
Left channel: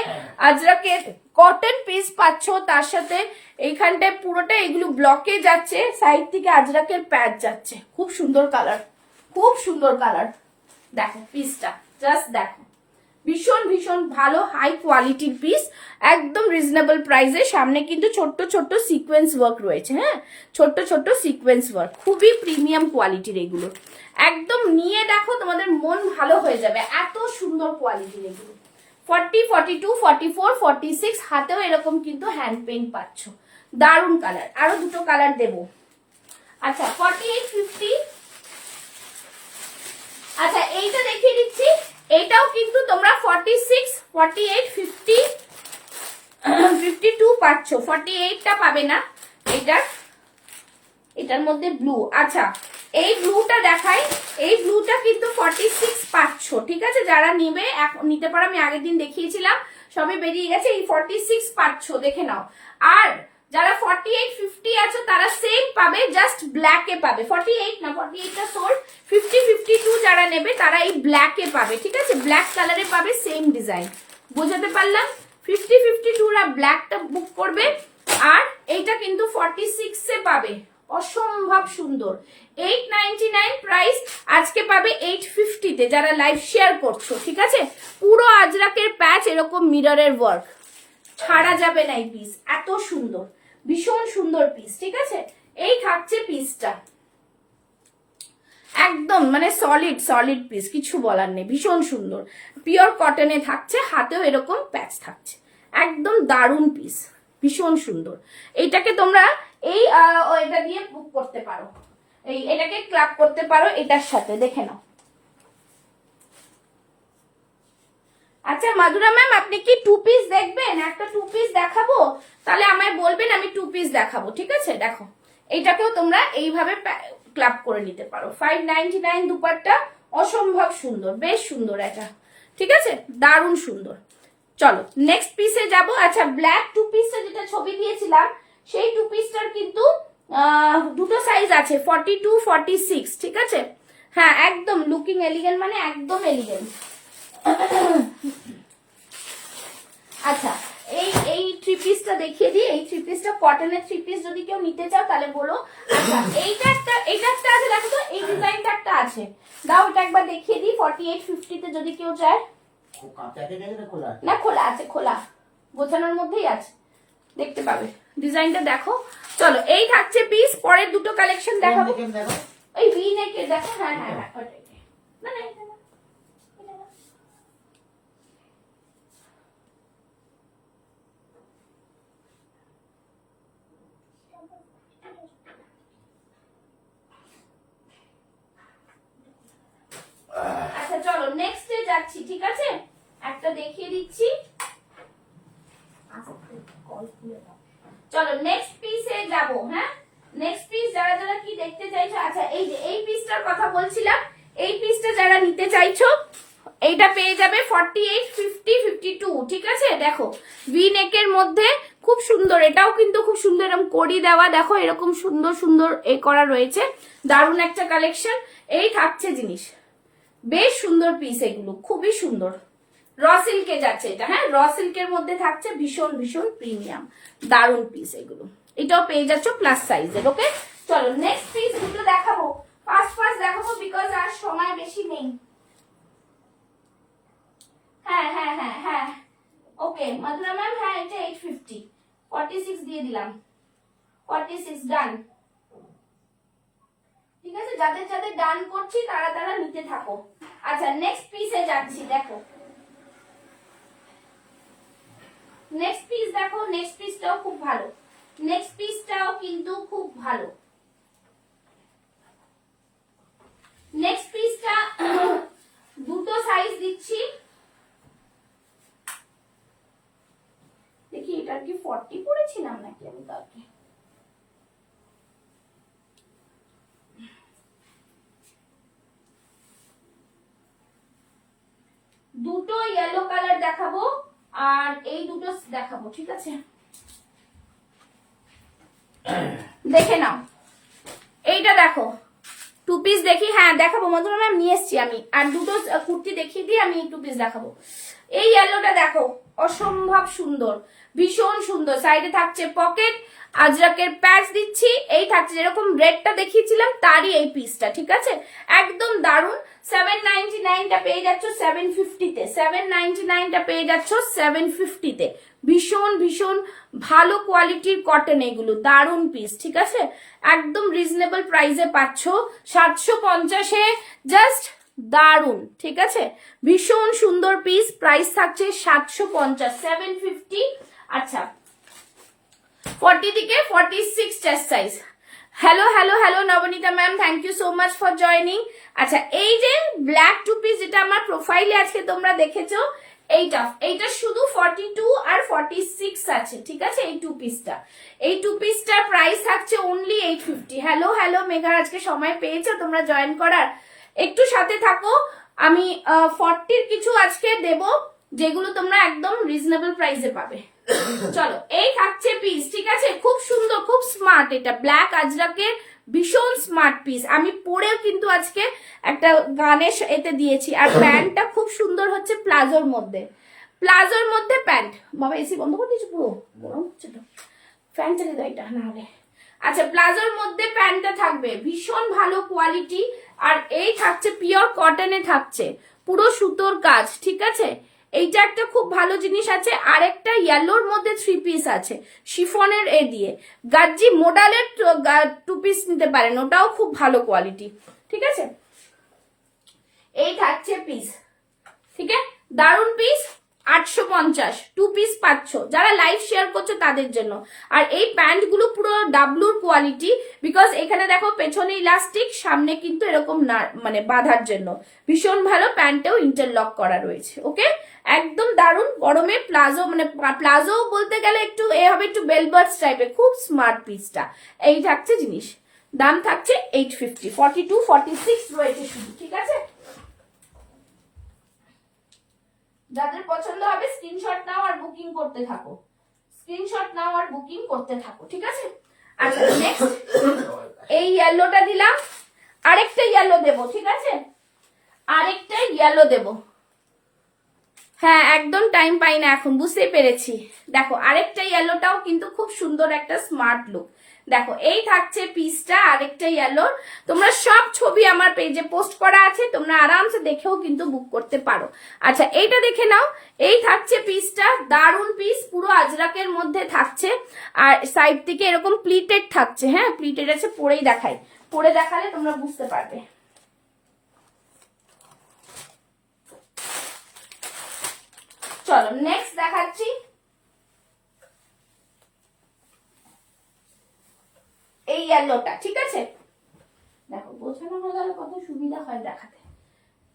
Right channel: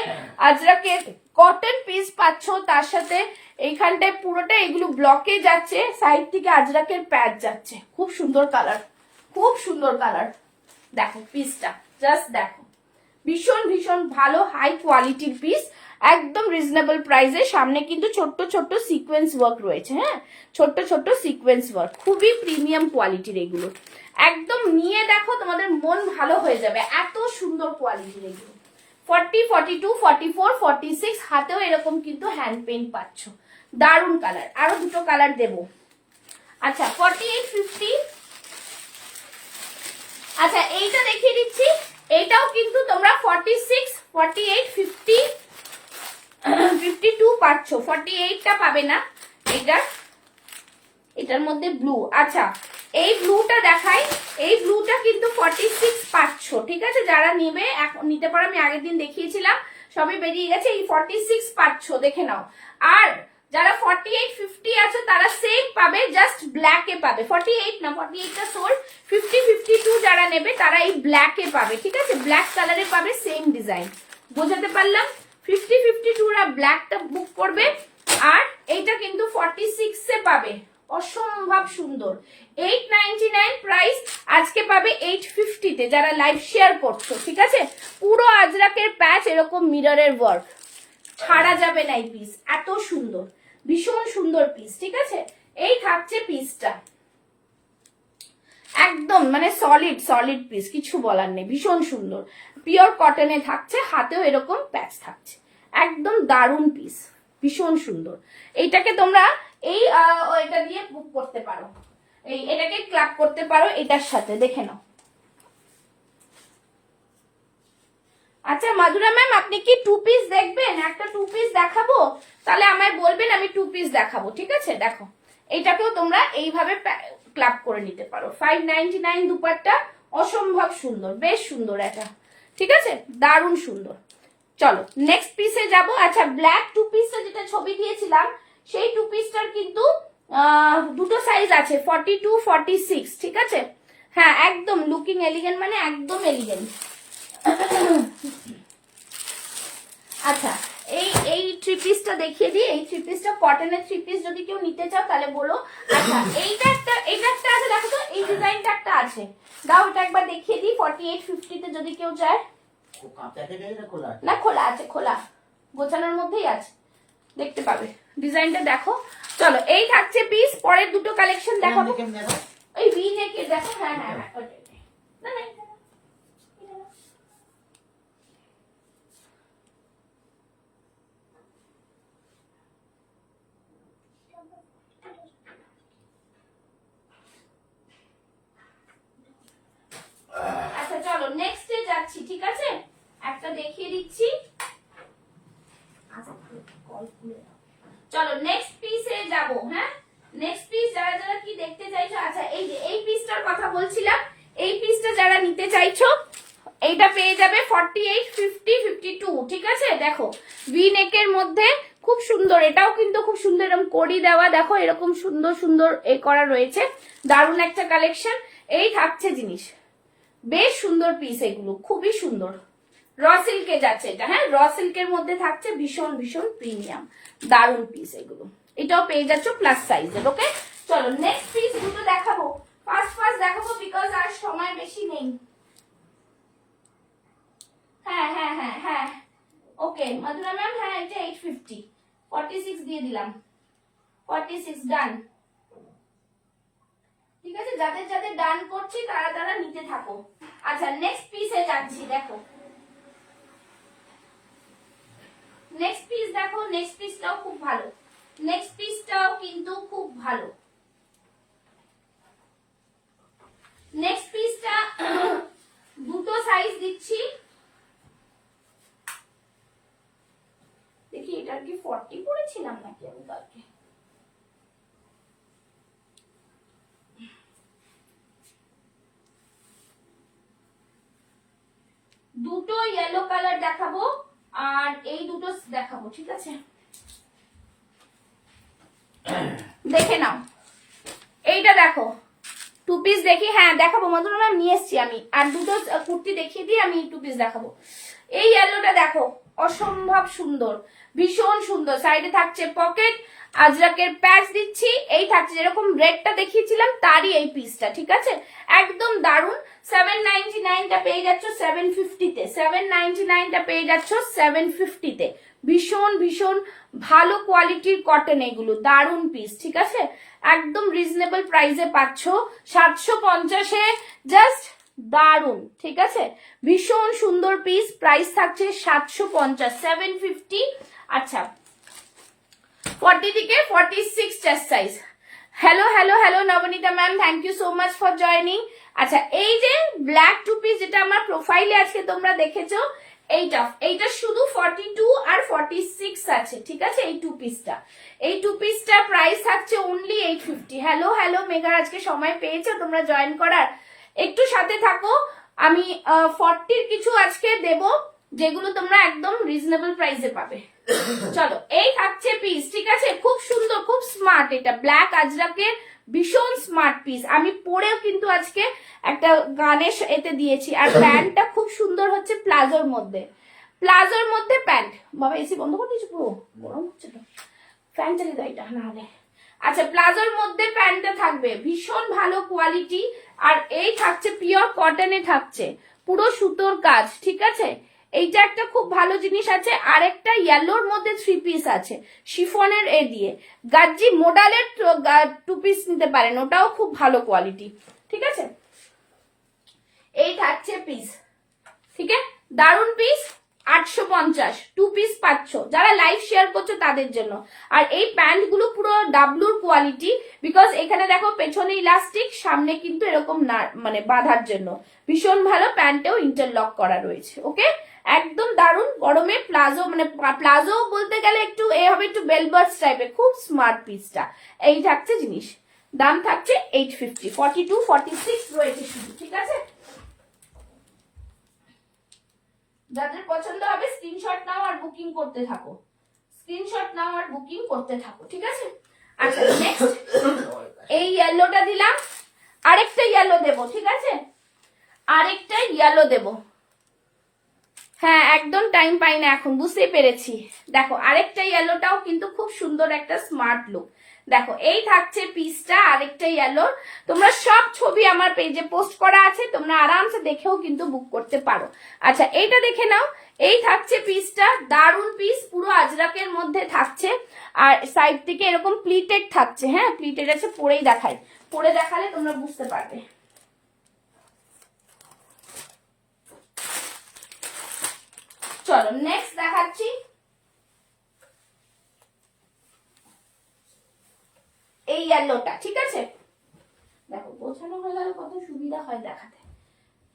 আজরাকের কটন পিস পাচ্ছ, তার সাথে এইখানটায় পুরোটা এগুলো ব্লকে যাচ্ছে, সাইড থেকে আজরাকের প্যাচ যাচ্ছে। খুব সুন্দর কালার, খুব সুন্দর কালার। দেখো পিসটা, জাস্ট দেখো, ভীষণ ভীষণ ভালো হাই কোয়ালিটির পিস, একদম রিজনেবল প্রাইসে। সামনে কিন্তু ছোট্ট ছোট্ট সিকোয়েন্স ওয়ার্ক রয়েছে, হ্যাঁ ছোট্ট ছোট্ট সিকোয়েন্স ওয়ার্ক, খুবই প্রিমিয়াম কোয়ালিটির এগুলো। একদম নিয়ে দেখো, তোমাদের মন ভালো হয়ে যাবে, এত সুন্দর কোয়ালিটির এগুলো। 40, 42, 44, 46 হাতেও এরকম কিন্তু হ্যান্ড পেইন্ট পাচ্ছ। দারুন কালার, আরো দুটো কালার দেবো। আচ্ছা 48, 50। আচ্ছা এইটা দেখিয়ে দিচ্ছি, এইটাও কিন্তু তোমরা 46, 48, 50, 52 পাচ্ছ, 48টা পাবে না। এটার মধ্যে ব্লু। আচ্ছা এই ব্লুটা দেখাই, এই ব্লুটা কিন্তু 46 পাচ্ছ, ঠিক আছে? যারা নেবে নিতে পারো, আমি আগের দিন দেখিয়েছিলাম, সবে বেরিয়ে গেছে। এই 46 পাচ্ছ, দেখে নাও। আর যারা 48, 50 আছে তারা সেম পাবে, জাস্ট ব্ল্যাকে পাবে। 48 না, 48টা সোল্ড। 50, 52 যারা নেবে তারা এই ব্ল্যাকে পাবে, ঠিক আছে? ব্ল্যাক কালারে পাবে, সেম ডিজাইন। বোঝাতে পারলাম? 50, 52 রা ব্ল্যাকটা বুক করবে, আর এইটা কিন্তু 46 এ পাবে। অসম্ভব সুন্দর। 899 প্রাইস, আজকে পাবে 850 তে যারা লাইভ শেয়ার করছো, ঠিক আছে? পুরো আজরাকের প্যাচ এরকম মিররের ওয়ার্ক, ছাড়া যাবে না এই পিস। এত সুন্দর, ভীষণ সুন্দর পিস, ঠিক আছে? এই থাকছে পিসটা, একদম মানে সলিড সলিড পিস, কিছু বলার নেই, ভীষণ সুন্দর। পিওর কটনে থাকছে, হাতেও এরকম প্যাচ থাকছে, একদম দারুন পিস, ভীষণ সুন্দর। এইটাকে তোমরা এই এটা দিয়ে বুক করতে পারো, এটাকে ক্লাব করতে পারো এটার সাথে, দেখে নাও। আচ্ছা মাধুরা ম্যাম, আপনি কি 2 পিস দেখবেন? একটা 2 পিস দেখাবো, তাহলে আমায় বলবেন, আমি 2 পিস দেখাবো, ঠিক আছে? দেখো এইটাকেও তোমরা এইভাবে ক্লাব করে নিতে পারো। 599 দুপাট্টা, অসম্ভব সুন্দর, বেশ সুন্দর এটা, ঠিক আছে? দারুণ সুন্দর। চলো নেক্সট পিসে যাব। আচ্ছা ব্ল্যাক 2 পিসটা যেটা ছবি দিয়েছিলাম, সেই 2 পিসটার কিন্তু দুটো সাইজ আছে, 42, 46, ঠিক আছে? হ্যাঁ একদম লুকিং এলিগেন্ট, মানে একদম এলিগেন্ট। আচ্ছা এই 3 পিসটা দেখিয়ে দিই। এই 3 পিসটা কটনের 3 পিস, যদি কেউ নিতে চাও তাহলে বলো। আচ্ছা এইটা একটা আছে, দেখো তো এই ডিজাইনটা একটা আছে, দাও ওটা একবার দেখিয়ে দিই। 48, 50 তে যদি কেউ চায়। না খোলা আছে, খোলা গোছানোর মধ্যেই আছে, দেখতে পাবে। ডিজাইনটা দেখো। চলো এই থাকছে পিস। পরের দুটো কালেকশন দেখাবো। এই ভি নেকে দেখো। হ্যাঁ হ্যাঁ হ্যাঁ, ওটাই। না না আচ্ছা চলো নেক্সটে যাচ্ছি, ঠিক আছে? একটা দেখিয়ে দিচ্ছি। চলো নেক্সট পিসে যাব। হ্যাঁ নেক্সট পিস যারা যারা কি দেখতে চাইছো, আচ্ছা এই যে এই পিসটার কথা বলছিলাম, এই পিসটা যারা নিতে চাইছো এইটা পেয়ে যাবে 48, 50, 52, ঠিক আছে? দেখো ভি নেকের মধ্যে খুব সুন্দর, এটাও কিন্তু খুব সুন্দর, এরকম কড়ি দেওয়া, দেখো এরকম সুন্দর সুন্দর এ করা রয়েছে, দারুণ একটা কালেকশন। এই থাকছে জিনিস, বেশ সুন্দর পিস, এগুলো খুবই সুন্দর। র সিল্কে যাচ্ছে এটা, হ্যাঁ র সিল্কের মধ্যে থাকছে, ভীষণ ভীষণ প্রিমিয়াম, দারুণ পিস এগুলো। এটাও পেয়ে যাচ্ছ প্লাস সাইজের। ওকে চলো নেক্সট পিস দুটো দেখাবো, ফার্স্ট দেখাবো, বিকজ আর সময় বেশি নেই। হ্যাঁ হ্যাঁ হ্যাঁ হ্যাঁ ওকে মধুরা ম্যাম, হ্যাঁ এটা 850, 46 দিয়ে দিলাম, 46 ডান, ঠিক আছে? যাদের যাদের ডান করছি তারা তারা নিতে থাকো। আচ্ছা নেক্সট পিসে যাচ্ছি, দেখো নেক্সট পিস দেখো, নেক্সট পিসটাও খুব ভালো, নেক্সট পিসটাও কিন্তু খুব ভালো। নেক্সট পিসটা দুটো সাইজ দিচ্ছি, দেখি এটা কি 40 পড়েছিলাম নাকি আমি কালকে। দুটো ইয়েলো কালার দেখাবো আর এই দুটো দেখাবো, ঠিক আছে? দেখে নাও এইটা দেখো, 2 পিস দেখি। হ্যাঁ দেখাবো মধুরা ম্যাম, নিয়ে এসছি আমি, আর দুটো কুর্তি দেখিয়ে দিই, আমি 2 পিস দেখাবো। এই ইয়েলোটা দেখো, অসম্ভব সুন্দর, ভীষণ সুন্দর। সাইডে থাকছে পকেট, আজরাকের প্যাচ দিচ্ছি, এই থাকছে যেরকম রেডটা দেখিয়েছিলাম তারই এই পিসটা, ঠিক আছে? একদম দারুন। 799 টা পেয়ে যাচ্ছ 750 তে, 799 টা পেয়ে যাচ্ছ 750 তে। ভীষণ ভীষণ ভালো কোয়ালিটির কটন, এগুলো দারুন পিস, ঠিক আছে? একদম রিজনেবল প্রাইসে পাচ্ছ। 750-এ জাস্ট দারুন, ঠিক আছে, ভীষণ সুন্দর পিস। প্রাইস থাকছে 750, 750। আচ্ছা 40 থেকে 46 chest size. Hello hello hello Nabanita ma'am, thank you so much for joining. আচ্ছা এই যে ব্ল্যাক টু পিস যেটা আমার প্রোফাইলে আজকে তোমরা দেখেছো, এইটা শুধু 42 আর 46 আছে, ঠিক আছে। এই টু পিসটা প্রাইস থাকছে অনলি 850। হ্যালো হ্যালো মেঘা, আজকে সময় পেয়েছো তোমরা জয়েন করার? একটু সাথে থাকো, আমি 40 কিছু আজকে দেব যেগুলো তোমরা একদম রিজনেবল প্রাইসে পাবে। চলো এই থাকছে পিস, ঠিক আছে, খুব সুন্দর, খুব স্মার্ট। এটা ব্ল্যাক আজরাকের ভীষণ স্মার্ট পিস। আমি পরেও কিন্তু আজকে একটা গানের এতে দিয়েছি। আর প্যান্টটা খুব সুন্দর হচ্ছে প্লাজোর মধ্যে, প্যান্ট। বাবা এসি বন্ধ করে দিয়েছি, পুরো গরম হচ্ছে তো, ফ্যান চালিয়ে দাও এটা না হলে। আচ্ছা প্লাজোর মধ্যে প্যান্টটা থাকবে, ভীষণ ভালো কোয়ালিটি। আর এই থাকছে পিওর কটনে, থাকছে পুরো সুতোর কাজ, ঠিক আছে। এইটা একটা খুব ভালো জিনিস আছে। আরেকটা ইয়েলোর মধ্যে 3 পিস আছে শিফনের এ দিয়ে, গাজ্জি মোডালের 2 পিস নিতে পারেন, ওটাও খুব ভালো কোয়ালিটি, ঠিক আছে। এই থাকছে পিস, ঠিক আছে, দারুন পিস। 850 2 পিস পাচ্ছ, যারা লাইভ শেয়ার করছে তাদের জন্য। আর এই প্যান্ট গুলো পুরো ডাবলুর কোয়ালিটি, বিকজ এখানে দেখো পেছনে ইলাস্টিক, সামনে কিন্তু এরকম না, মানে বাঁধার জন্য ভীষণ ভালো। প্যান্টেও ইন্টারলক করা রয়েছে, ওকে, একদম দারুন। গরমে প্লাজো, মানে প্লাজো বলতে গেলে একটু এ হবে, একটু বেলবার্স টাইপের, খুব স্মার্ট পিসটা। এই থাকছে জিনিস, দাম থাকছে 850, 42 46 রয়েছে শুধু, ঠিক আছে। যাদের পছন্দ হবে স্ক্রিনশট নাও আর বুকিং করতে থাকো, ঠিক আছে। আচ্ছা নেক্সট এই ইয়েলোটা দিলাম, আরেকটা ইয়েলো দেবো, ঠিক আছে, আরেকটা ইয়েলো দেবো। হ্যাঁ একদম টাইম পাই না এখন, বুঝতেই পেরেছি। দেখো আরেকটা ইয়েলোটাও কিন্তু খুব সুন্দর একটা স্মার্ট লুক। দেখো এই থাকছে পিসটা, আরেকটা ইয়েলোর। তোমরা সব ছবি আমার পেজে পোস্ট করা আছে, তোমরা আরামসে দেখেও কিন্তু বুক করতে পারো। আচ্ছা এইটা দেখে নাও, এই থাকছে পিসটা, দারুন পিস, পুরো আজরাকের মধ্যে থাকছে। আর সাইড থেকে এরকম প্লিটেড থাকছে, হ্যাঁ প্লিটেড আছে, পরেই দেখাই, পরে দেখালে তোমরা বুঝতে পারবে। চলো নেক্সট দেখাচ্ছি, এই ইয়েলোটা, ঠিক আছে। দেখো বোঝানো হয়ে গেল কত সুবিধা হয় দেখাতে।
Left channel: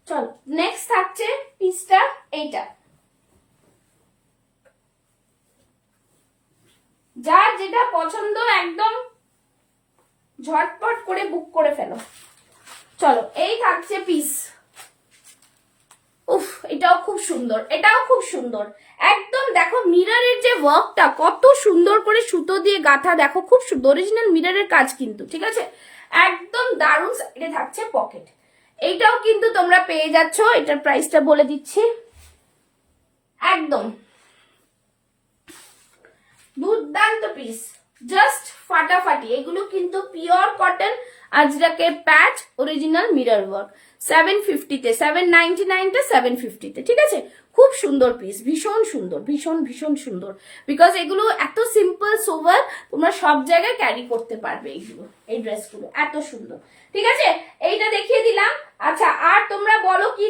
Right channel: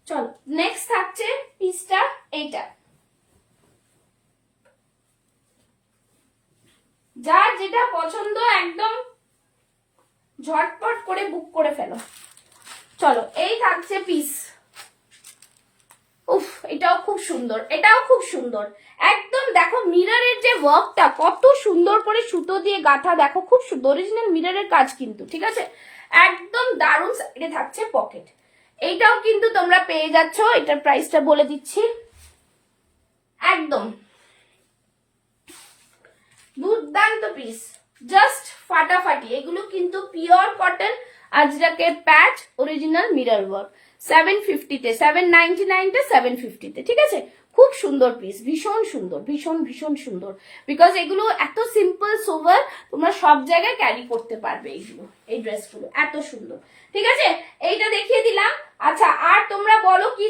চলো নেক্সট থাকছে পিসটা এইটা, যার যেটা পছন্দ একদম ঝটপট করে বুক করে ফেলো। চলো এই থাকছে পিস, উফ এটাও খুব সুন্দর, একদম দেখো মিররের যে ওয়ার্কটা কত সুন্দর করে সুতো দিয়ে গাঁথা, দেখো খুব সুন্দর, অরিজিনাল মিররের কাজ কিন্তু, ঠিক আছে, একদম দারুণ। এটা থাকছে পকেট, এইটাও কিন্তু তোমরা পেয়ে যাচ্ছ। এটার প্রাইসটা বলে দিচ্ছি, একদম দুর্দান্ত পিস, জাস্ট ফাটাফাটি। এগুলো কিন্তু পিওর কটন আজরাকের প্যাচ, অরিজিনাল মিরর ওয়ার্ক। 750-তে, 799-তে, 750-তে, ঠিক আছে। খুব সুন্দর পিস, ভীষণ সুন্দর, ভীষণ সুন্দর, বিকজ এগুলো এত সিম্পল সোভার, তোমরা সব জায়গায় ক্যারি করতে পারবে এইগুলো, এই ড্রেসগুলো এত সুন্দর, ঠিক আছে। এইটা দেখিয়ে দিলাম। আচ্ছা আর তোমরা বলো কি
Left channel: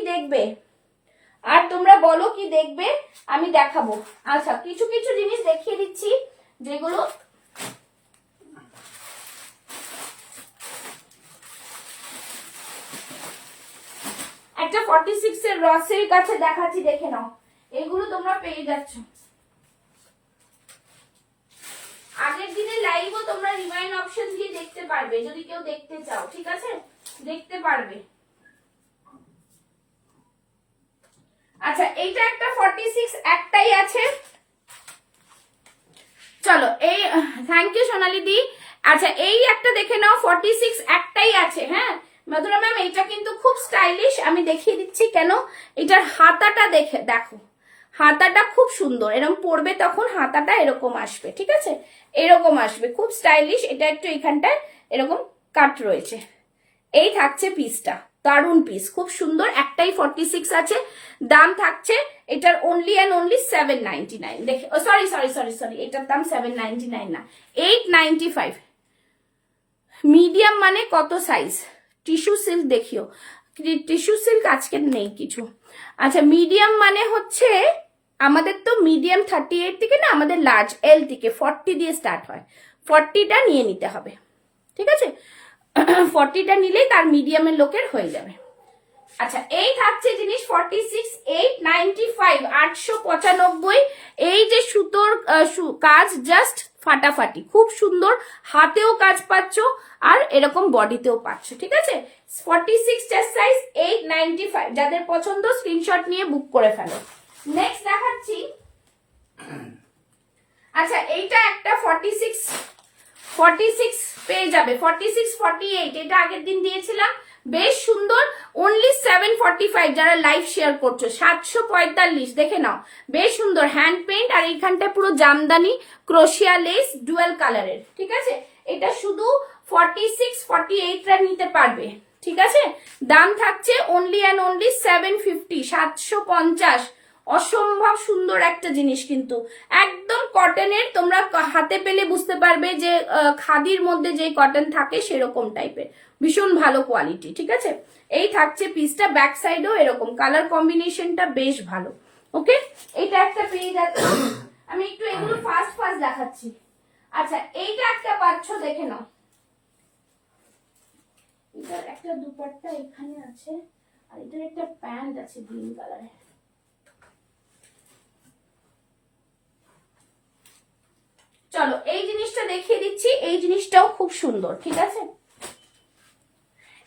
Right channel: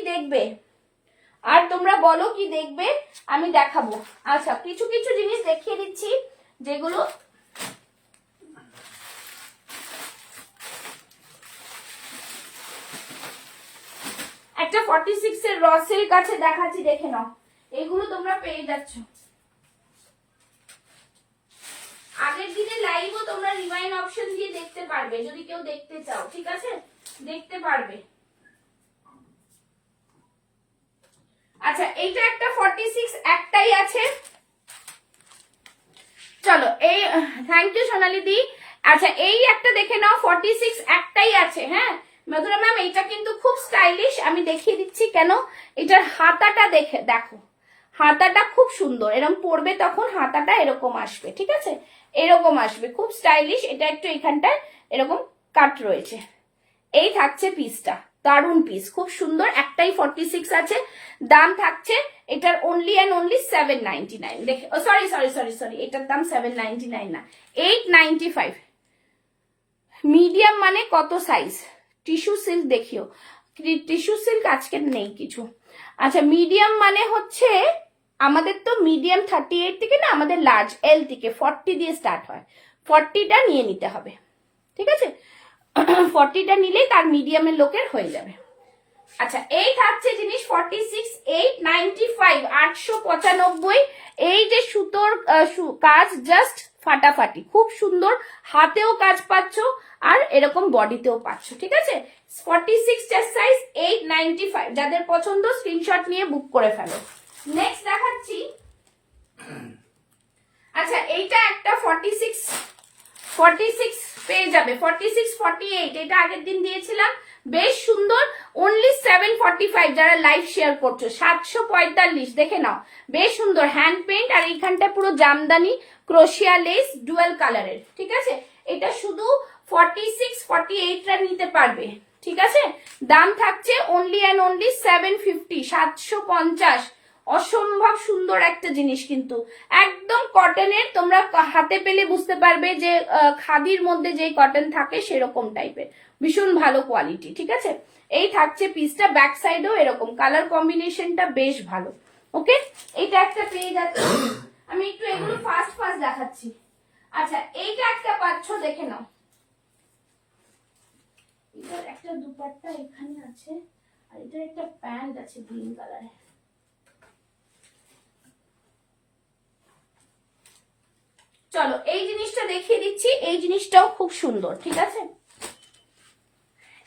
দেখবে, আমি দেখাবো। আচ্ছা কিছু কিছু জিনিস দেখিয়ে দিচ্ছি যেগুলো একটা 46 এর রসের কাছে দেখাচ্ছি, দেখে নাও, এগুলো তোমরা পেয়ে যাচ্ছ। আগের দিনের লাইভও তোমরা রিমাইন্ড অপশন দিয়ে দেখতে পারবে, যদি কেউ দেখতে চাও, ঠিক আছে, দেখতে পারবে। আচ্ছা এইটা একটা 46 একটাই আছে। চলো এই থ্যাংক ইউ সোনালি দি। আচ্ছা এই একটা দেখে নাও, 46 একটাই আছে, হ্যাঁ মধুরা ম্যাম, এইটা কিন্তু খুব স্টাইলিশ, আমি দেখিয়ে দিচ্ছি কেন। এটার হাতাটা দেখো, হাতাটা খুব সুন্দর, এরকম পরবে তখন হাতাটা এরকম আসবে, ঠিক আছে, এরকম আসবে, খুব স্টাইলিশ। এটা একটু এখানটায় এরকম কাট রয়েছে। এই থাকছে পিসটা, দারুন পিস, খুব সুন্দর, একটাই 46 আছে। দাম থাকছে এটার অনলি অ্যান্ড অনলি 799। দেখে সরি, এটার দাম 799 না, 895। মিডিয়াম মানে কত সাইজ, টিস্যু সিল্ক দেখিও, টিস্যু সিল্ক আজকে নেই কিছু। আচ্ছা মিডিয়াম মানে হচ্ছে আমাদের তো মিডিয়াম 38 থেকে না, আমাদের লার্জ এল থেকে 40 দিয়ে স্টার্ট হয়, 40টা নিয়ে নিতে হবে, ঠিক আছে? 40টা নিলে তার মিডিয়ামের লোকের হয়ে যাবে। আচ্ছা এই থাকছে জিনিস 46 895 895। এই যে সুতোর কাজ জাস্ট ফাটাফাটি, খুব সুন্দর, হাতেও কাজ পাচ্ছ আর এরকম বডিতেও পাচ্ছ, ঠিক আছে? 46 চেস্ট সাইজ 895, যাদের পছন্দ স্ক্রিনশট নিয়ে বুক করে ফেলো। নেক্সট দেখাচ্ছি, আচ্ছা এইটা একটা 46 পেয়ে যাবে, 46 48, এটা আগের দিন দিয়েছিলাম, বেশ সুন্দর, অনলি 745। যারা লাইভ শেয়ার করছো 745, দেখে নাও, বেশ সুন্দর হ্যান্ড পেইন্ট, আর এইখানটা পুরো জামদানি ক্রোশিয়া লেস ডুয়াল কালারের, ঠিক আছে? এটা শুধু 46 48টা নিতে পারবে, ঠিক আছে? দাম থাকছে অনলি অ্যান্ড অনলি 750, 750। অসম্ভব সুন্দর একটা জিনিস, কিন্তু একদম কটনের, তোমরা হাতে পেলে বুঝতে পারবে যে খাদির মধ্যে যে কটন থাকে সেরকম টাইপের, ভীষণ ভালো কোয়ালিটি, ঠিক আছে? এই থাকছে পিসটা, ব্যাক সাইডেও এরকম কালার কম্বিনেশনটা বেশ ভালো। ওকে, এটা একটা পেয়ে যাচ্ছে, আমি একটু এগুলো ফাস্ট দেখাচ্ছি। আচ্ছা এইটা একটা পাচ্ছ, দেখে নাও, এটার একটা দুপাট্টা এখানে আছে, আর এটার একটা প্যান্ট আছে গ্রিন কালারের। চলো এই জিনিসটা দেখিয়ে দিচ্ছি, এই জিনিসটাও খুব সুন্দর, ঠিক আছে?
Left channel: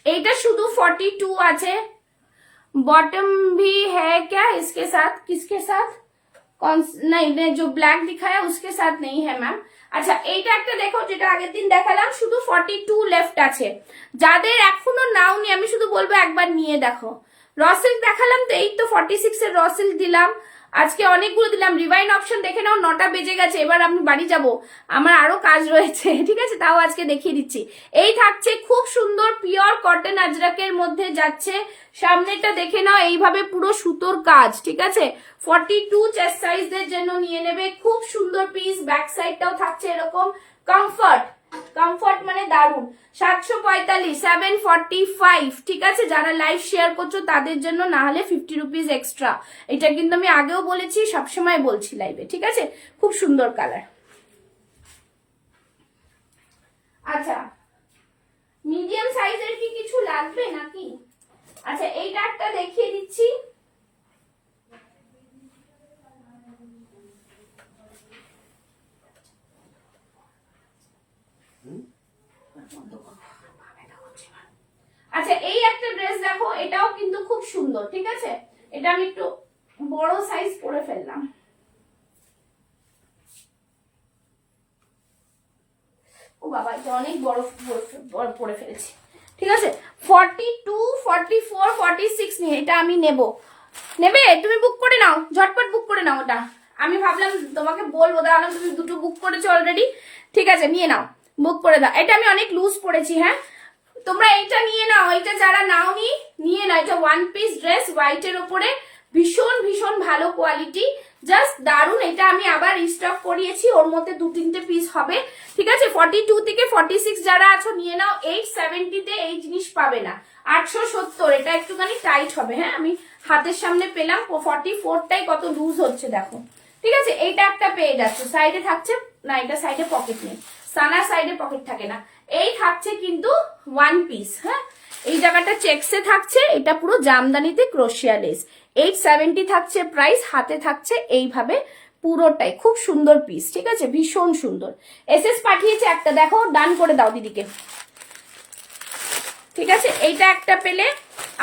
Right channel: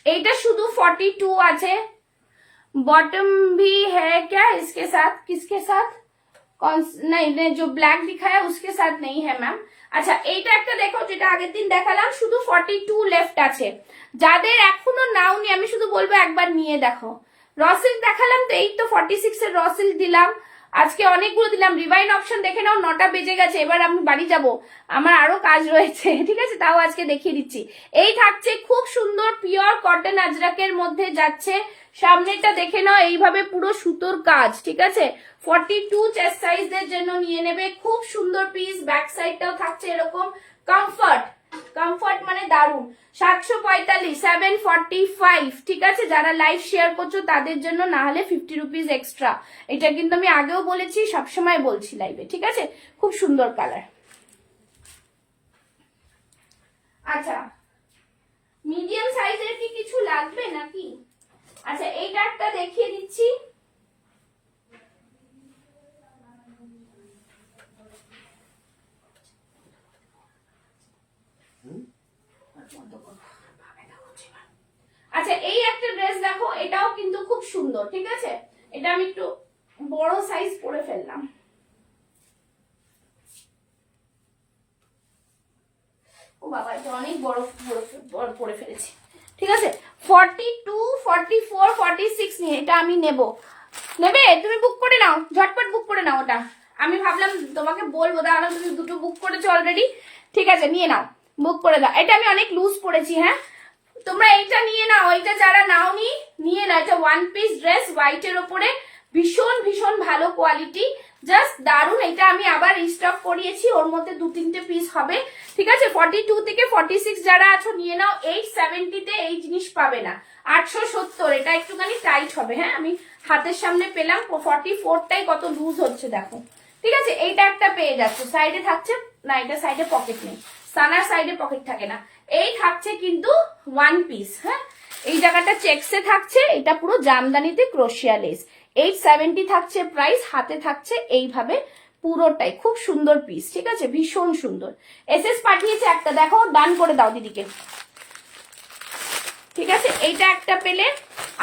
এইটা শুধু 42 আছে, बॉटम भी है क्या इसके साथ? किसके साथ? कौन? नहीं, जो ब्लैक दिखाया उसके साथ नहीं है मैम। আচ্ছা এইটা একটা দেখো, যেটা আগের দিন দেখালাম, শুধু 42 লেফট আছে, যাদের এখনো নাওনি আমি শুধু বলবো একবার নিয়ে দেখো। রসিল দেখালাম তো, এই তো 46 এর রসিল দিলাম, আজকে অনেকগুলো দিলাম। রিভাইন অপশন দেখে নাও, 9টা বেজে গেছে, এবার আমি বাড়ি যাব, আমার আরো কাজ রয়েছে, ঠিক আছে? তাও আজকে দেখিয়ে দিচ্ছি। এই থাকছে খুব সুন্দর পিওর কটন আজরাকের মধ্যে যাচ্ছে, সামনেটা দেখে নাও, এইভাবে পুরো সুতোর কাজ, ঠিক আছে? 42 চেস্ট সাইজদের জন্য নিয়ে নেবে, খুব সুন্দর পিস। ব্যাক সাইডটাও থাকছে এরকম, কমফর্ট মানে দারুন। 745 745, ঠিক আছে? যারা লাইভ শেয়ার করছো তাদের জন্য, না হলে 50 রুপিস এক্সট্রা। এটা কিন্তু আমি আগেও বলেছি, সবসময় বলছি লাইভে, ঠিক আছে? খুব সুন্দর কালার। আচ্ছা মিডিয়াম সাইজের কি কিছু লাগবে নাকি? আচ্ছা এইটা একটা দেখিয়ে দিচ্ছি, আচ্ছা এই একটা ড্রেস দেখো, এটাও কিন্তু খুব সুন্দর, ঠিক আছে? এটা আমি একটু বড় সাইজ পরে ফেললাম, ও বাবা এটা অনেক বড় পরে ফেলেছি, ঠিক আছে? 42 44 46 নিয়ে এটা আমি নেবে? তুমি বুক করে নাও, ঝটপট বুক করে নাও। ওটা আমি ভাবলাম তোমাকে বলবো, তাহলে তুমি দুটো বুক করেছো অলরেডি, ঠিক আছে? নিয়ে নাও, বুক করে দাও। এটা আমি অনেক লুজ পড়েছি, হ্যাঁ তোমরা এইটা নিয়ে নাও, এইটা যারা নাওনি নিয়ে নাও। এটা ওয়ান পিস ড্রেস, হোয়াইটের ওপরে, ভীষণ ভীষণ ভালো কোয়ালিটি, জাস্ট দারুন। এটা আমি আবার রিস্টক করিয়েছি, ওর মধ্যে 2-3টে পিস হবে, ঠিক আছে? 42 থেকে 46 যারা আছো নিয়ে নাও। 870 তে এই জিনিস পাবে না, 870। এটা একটুখানি টাইট হবে, হ্যাঁ আমি হাতের সামনে পেলাম, 44টাই কত লুজ হচ্ছে দেখো, ঠিক আছে? এইটা একটা পেয়ে যাচ্ছে, সাইডে থাকছে না, এটা সাইডে পকেট নেই, সানার সাইডে পকেট থাকে না। এই থাকছে কিন্তু ওয়ান পিস, হ্যাঁ এই জায়গাটা চেকসে থাকছে, এটা পুরো জামদানিতে ক্রোশিয়া লেস। 870 থাকছে প্রাইস, হাতে থাকছে এইভাবে পুরোটাই, খুব সুন্দর পিস, ঠিক আছে? ভীষণ সুন্দর। এসএস পাঠিয়েছে একটা, দেখো ডান করে দাও দিদিকে, ঠিক আছে? এইটা একটা পেলে,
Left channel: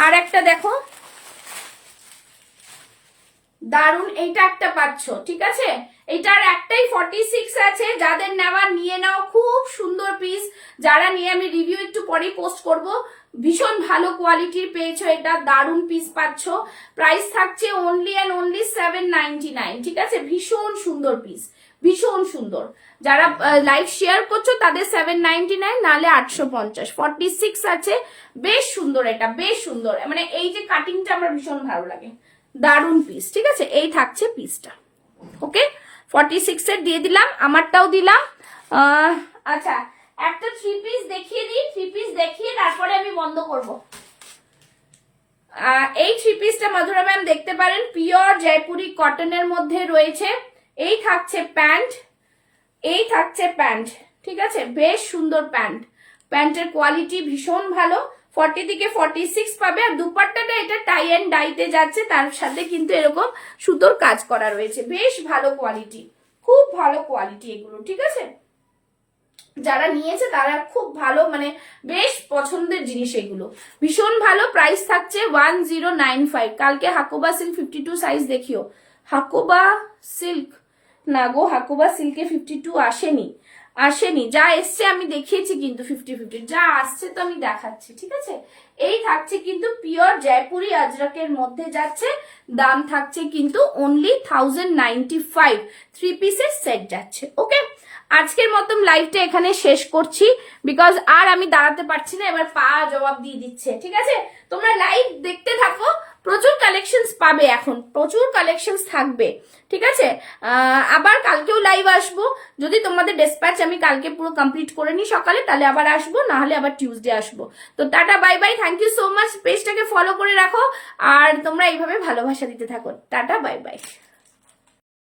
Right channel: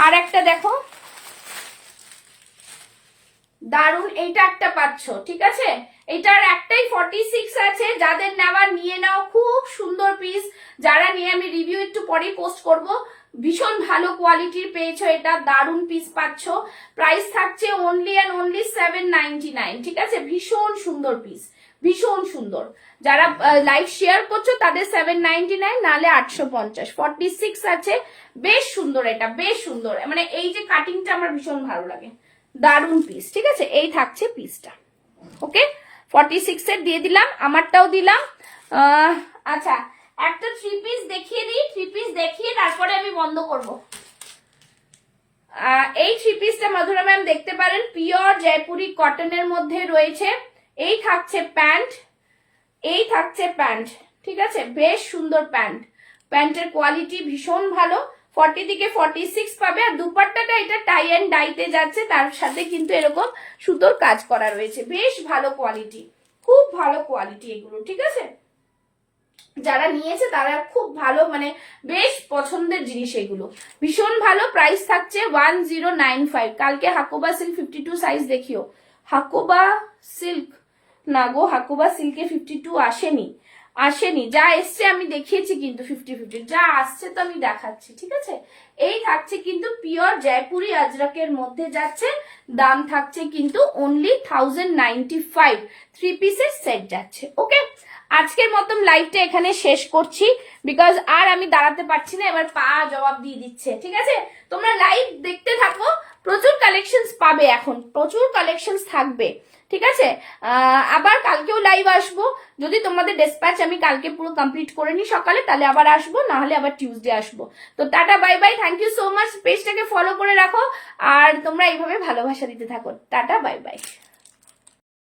আর একটা দেখো দারুন, এইটা একটা পাচ্ছ, ঠিক আছে? এটার একটাই 46 আছে, যাদের নেওয়ার নিয়ে নাও, খুব সুন্দর পিস। যারা নিয়ে আমি রিভিউ একটু পরেই পোস্ট করব, ভীষণ ভালো কোয়ালিটির পেয়েছো, এটা দারুন পিস পাচ্ছ। প্রাইস থাকছে অনলি অ্যান্ড অনলি 799, ঠিক আছে? ভীষণ সুন্দর পিস, ভীষণ সুন্দর। যারা লাইভ শেয়ার করছো তাদের 799, নাহলে 850। 46 আছে, বেশ সুন্দর, এটা বেশ সুন্দর, মানে এই যে কাটিংটা আমার ভীষণ ভালো লাগে, দারুন পিস, ঠিক আছে? এই থাকছে পিসটা, ওকে? 46 এর দিয়ে দিলাম, আমারটাও দিলাম। আচ্ছা একটা 3 পিস দেখিয়ে দিই, 3 পিস দেখিয়ে তারপরে আমি বন্ধ করব। এই থ্রি পিসটা মধুরা ম্যাম দেখতে পারেন, পিওর জয়পুরি কটনের মধ্যে রয়েছে। এই থাকছে প্যান্ট, এই থাকছে প্যান্ট, ঠিক আছে, বেশ সুন্দর প্যান্ট। প্যান্টের কোয়ালিটি ভীষণ ভালো, 40 থেকে 46 পাবে। আর দুপাট্টাটা এটা টাই অ্যান্ড ডাইতে যাচ্ছে, তার সাথে কিন্তু এরকম সুতোর কাজ করা রয়েছে, বেশ ভালো কোয়ালিটি, খুব ভালো কোয়ালিটি এগুলো, ঠিক আছে। যারা নিয়েছে তারা খুব ভালো, মানে বেশ পছন্দের জিনিস এগুলো, ভীষণ ভালো। প্রাইস থাকছে 1095। কালকে হাকোবা সিল্ক 52 সাইজ দেখিও। হাকোবা সিল্ক না গো, হাকোবা সিল্কে 52 আসেনি, আসেনি। যা এসছে আমি দেখিয়েছি কিন্তু 50-50, যা আসছে তো আমি দেখাচ্ছি, ঠিক আছে। এই থাকছে কিন্তু পিওর জয়পুরি আজরাকের মধ্যে যাচ্ছে, দাম থাকছে কিন্তু অনলি 1095, থ্রি পিসের সেট যাচ্ছে। ওকে, আজকের মতন লাইভটা এখানে শেষ করছি, বিকজ আর আমি দাঁড়াতে পারছি না, এবার পা জবাব দিয়ে দিচ্ছে, ঠিক আছে। তোমরা লাইভ দেখতে থাকো, প্রচুর কালেকশনস পাবে, এখন প্রচুর কালেকশনস থাকবে, ঠিক আছে। আবার কালকেও লাইভ আসবো, যদি তোমাদের ডেসপ্যাচ আমি কালকে পুরো কমপ্লিট করে নিই সকালে, তাহলে আবার আসবো, না হলে আবার টিউসডে আসবো। তো টাটা bye bye, thank you so much. পেজটাকে ফলো করে রাখো আর তোমরা এইভাবে ভালোবাসা দিতে থাকো। টাটা বাই বাই।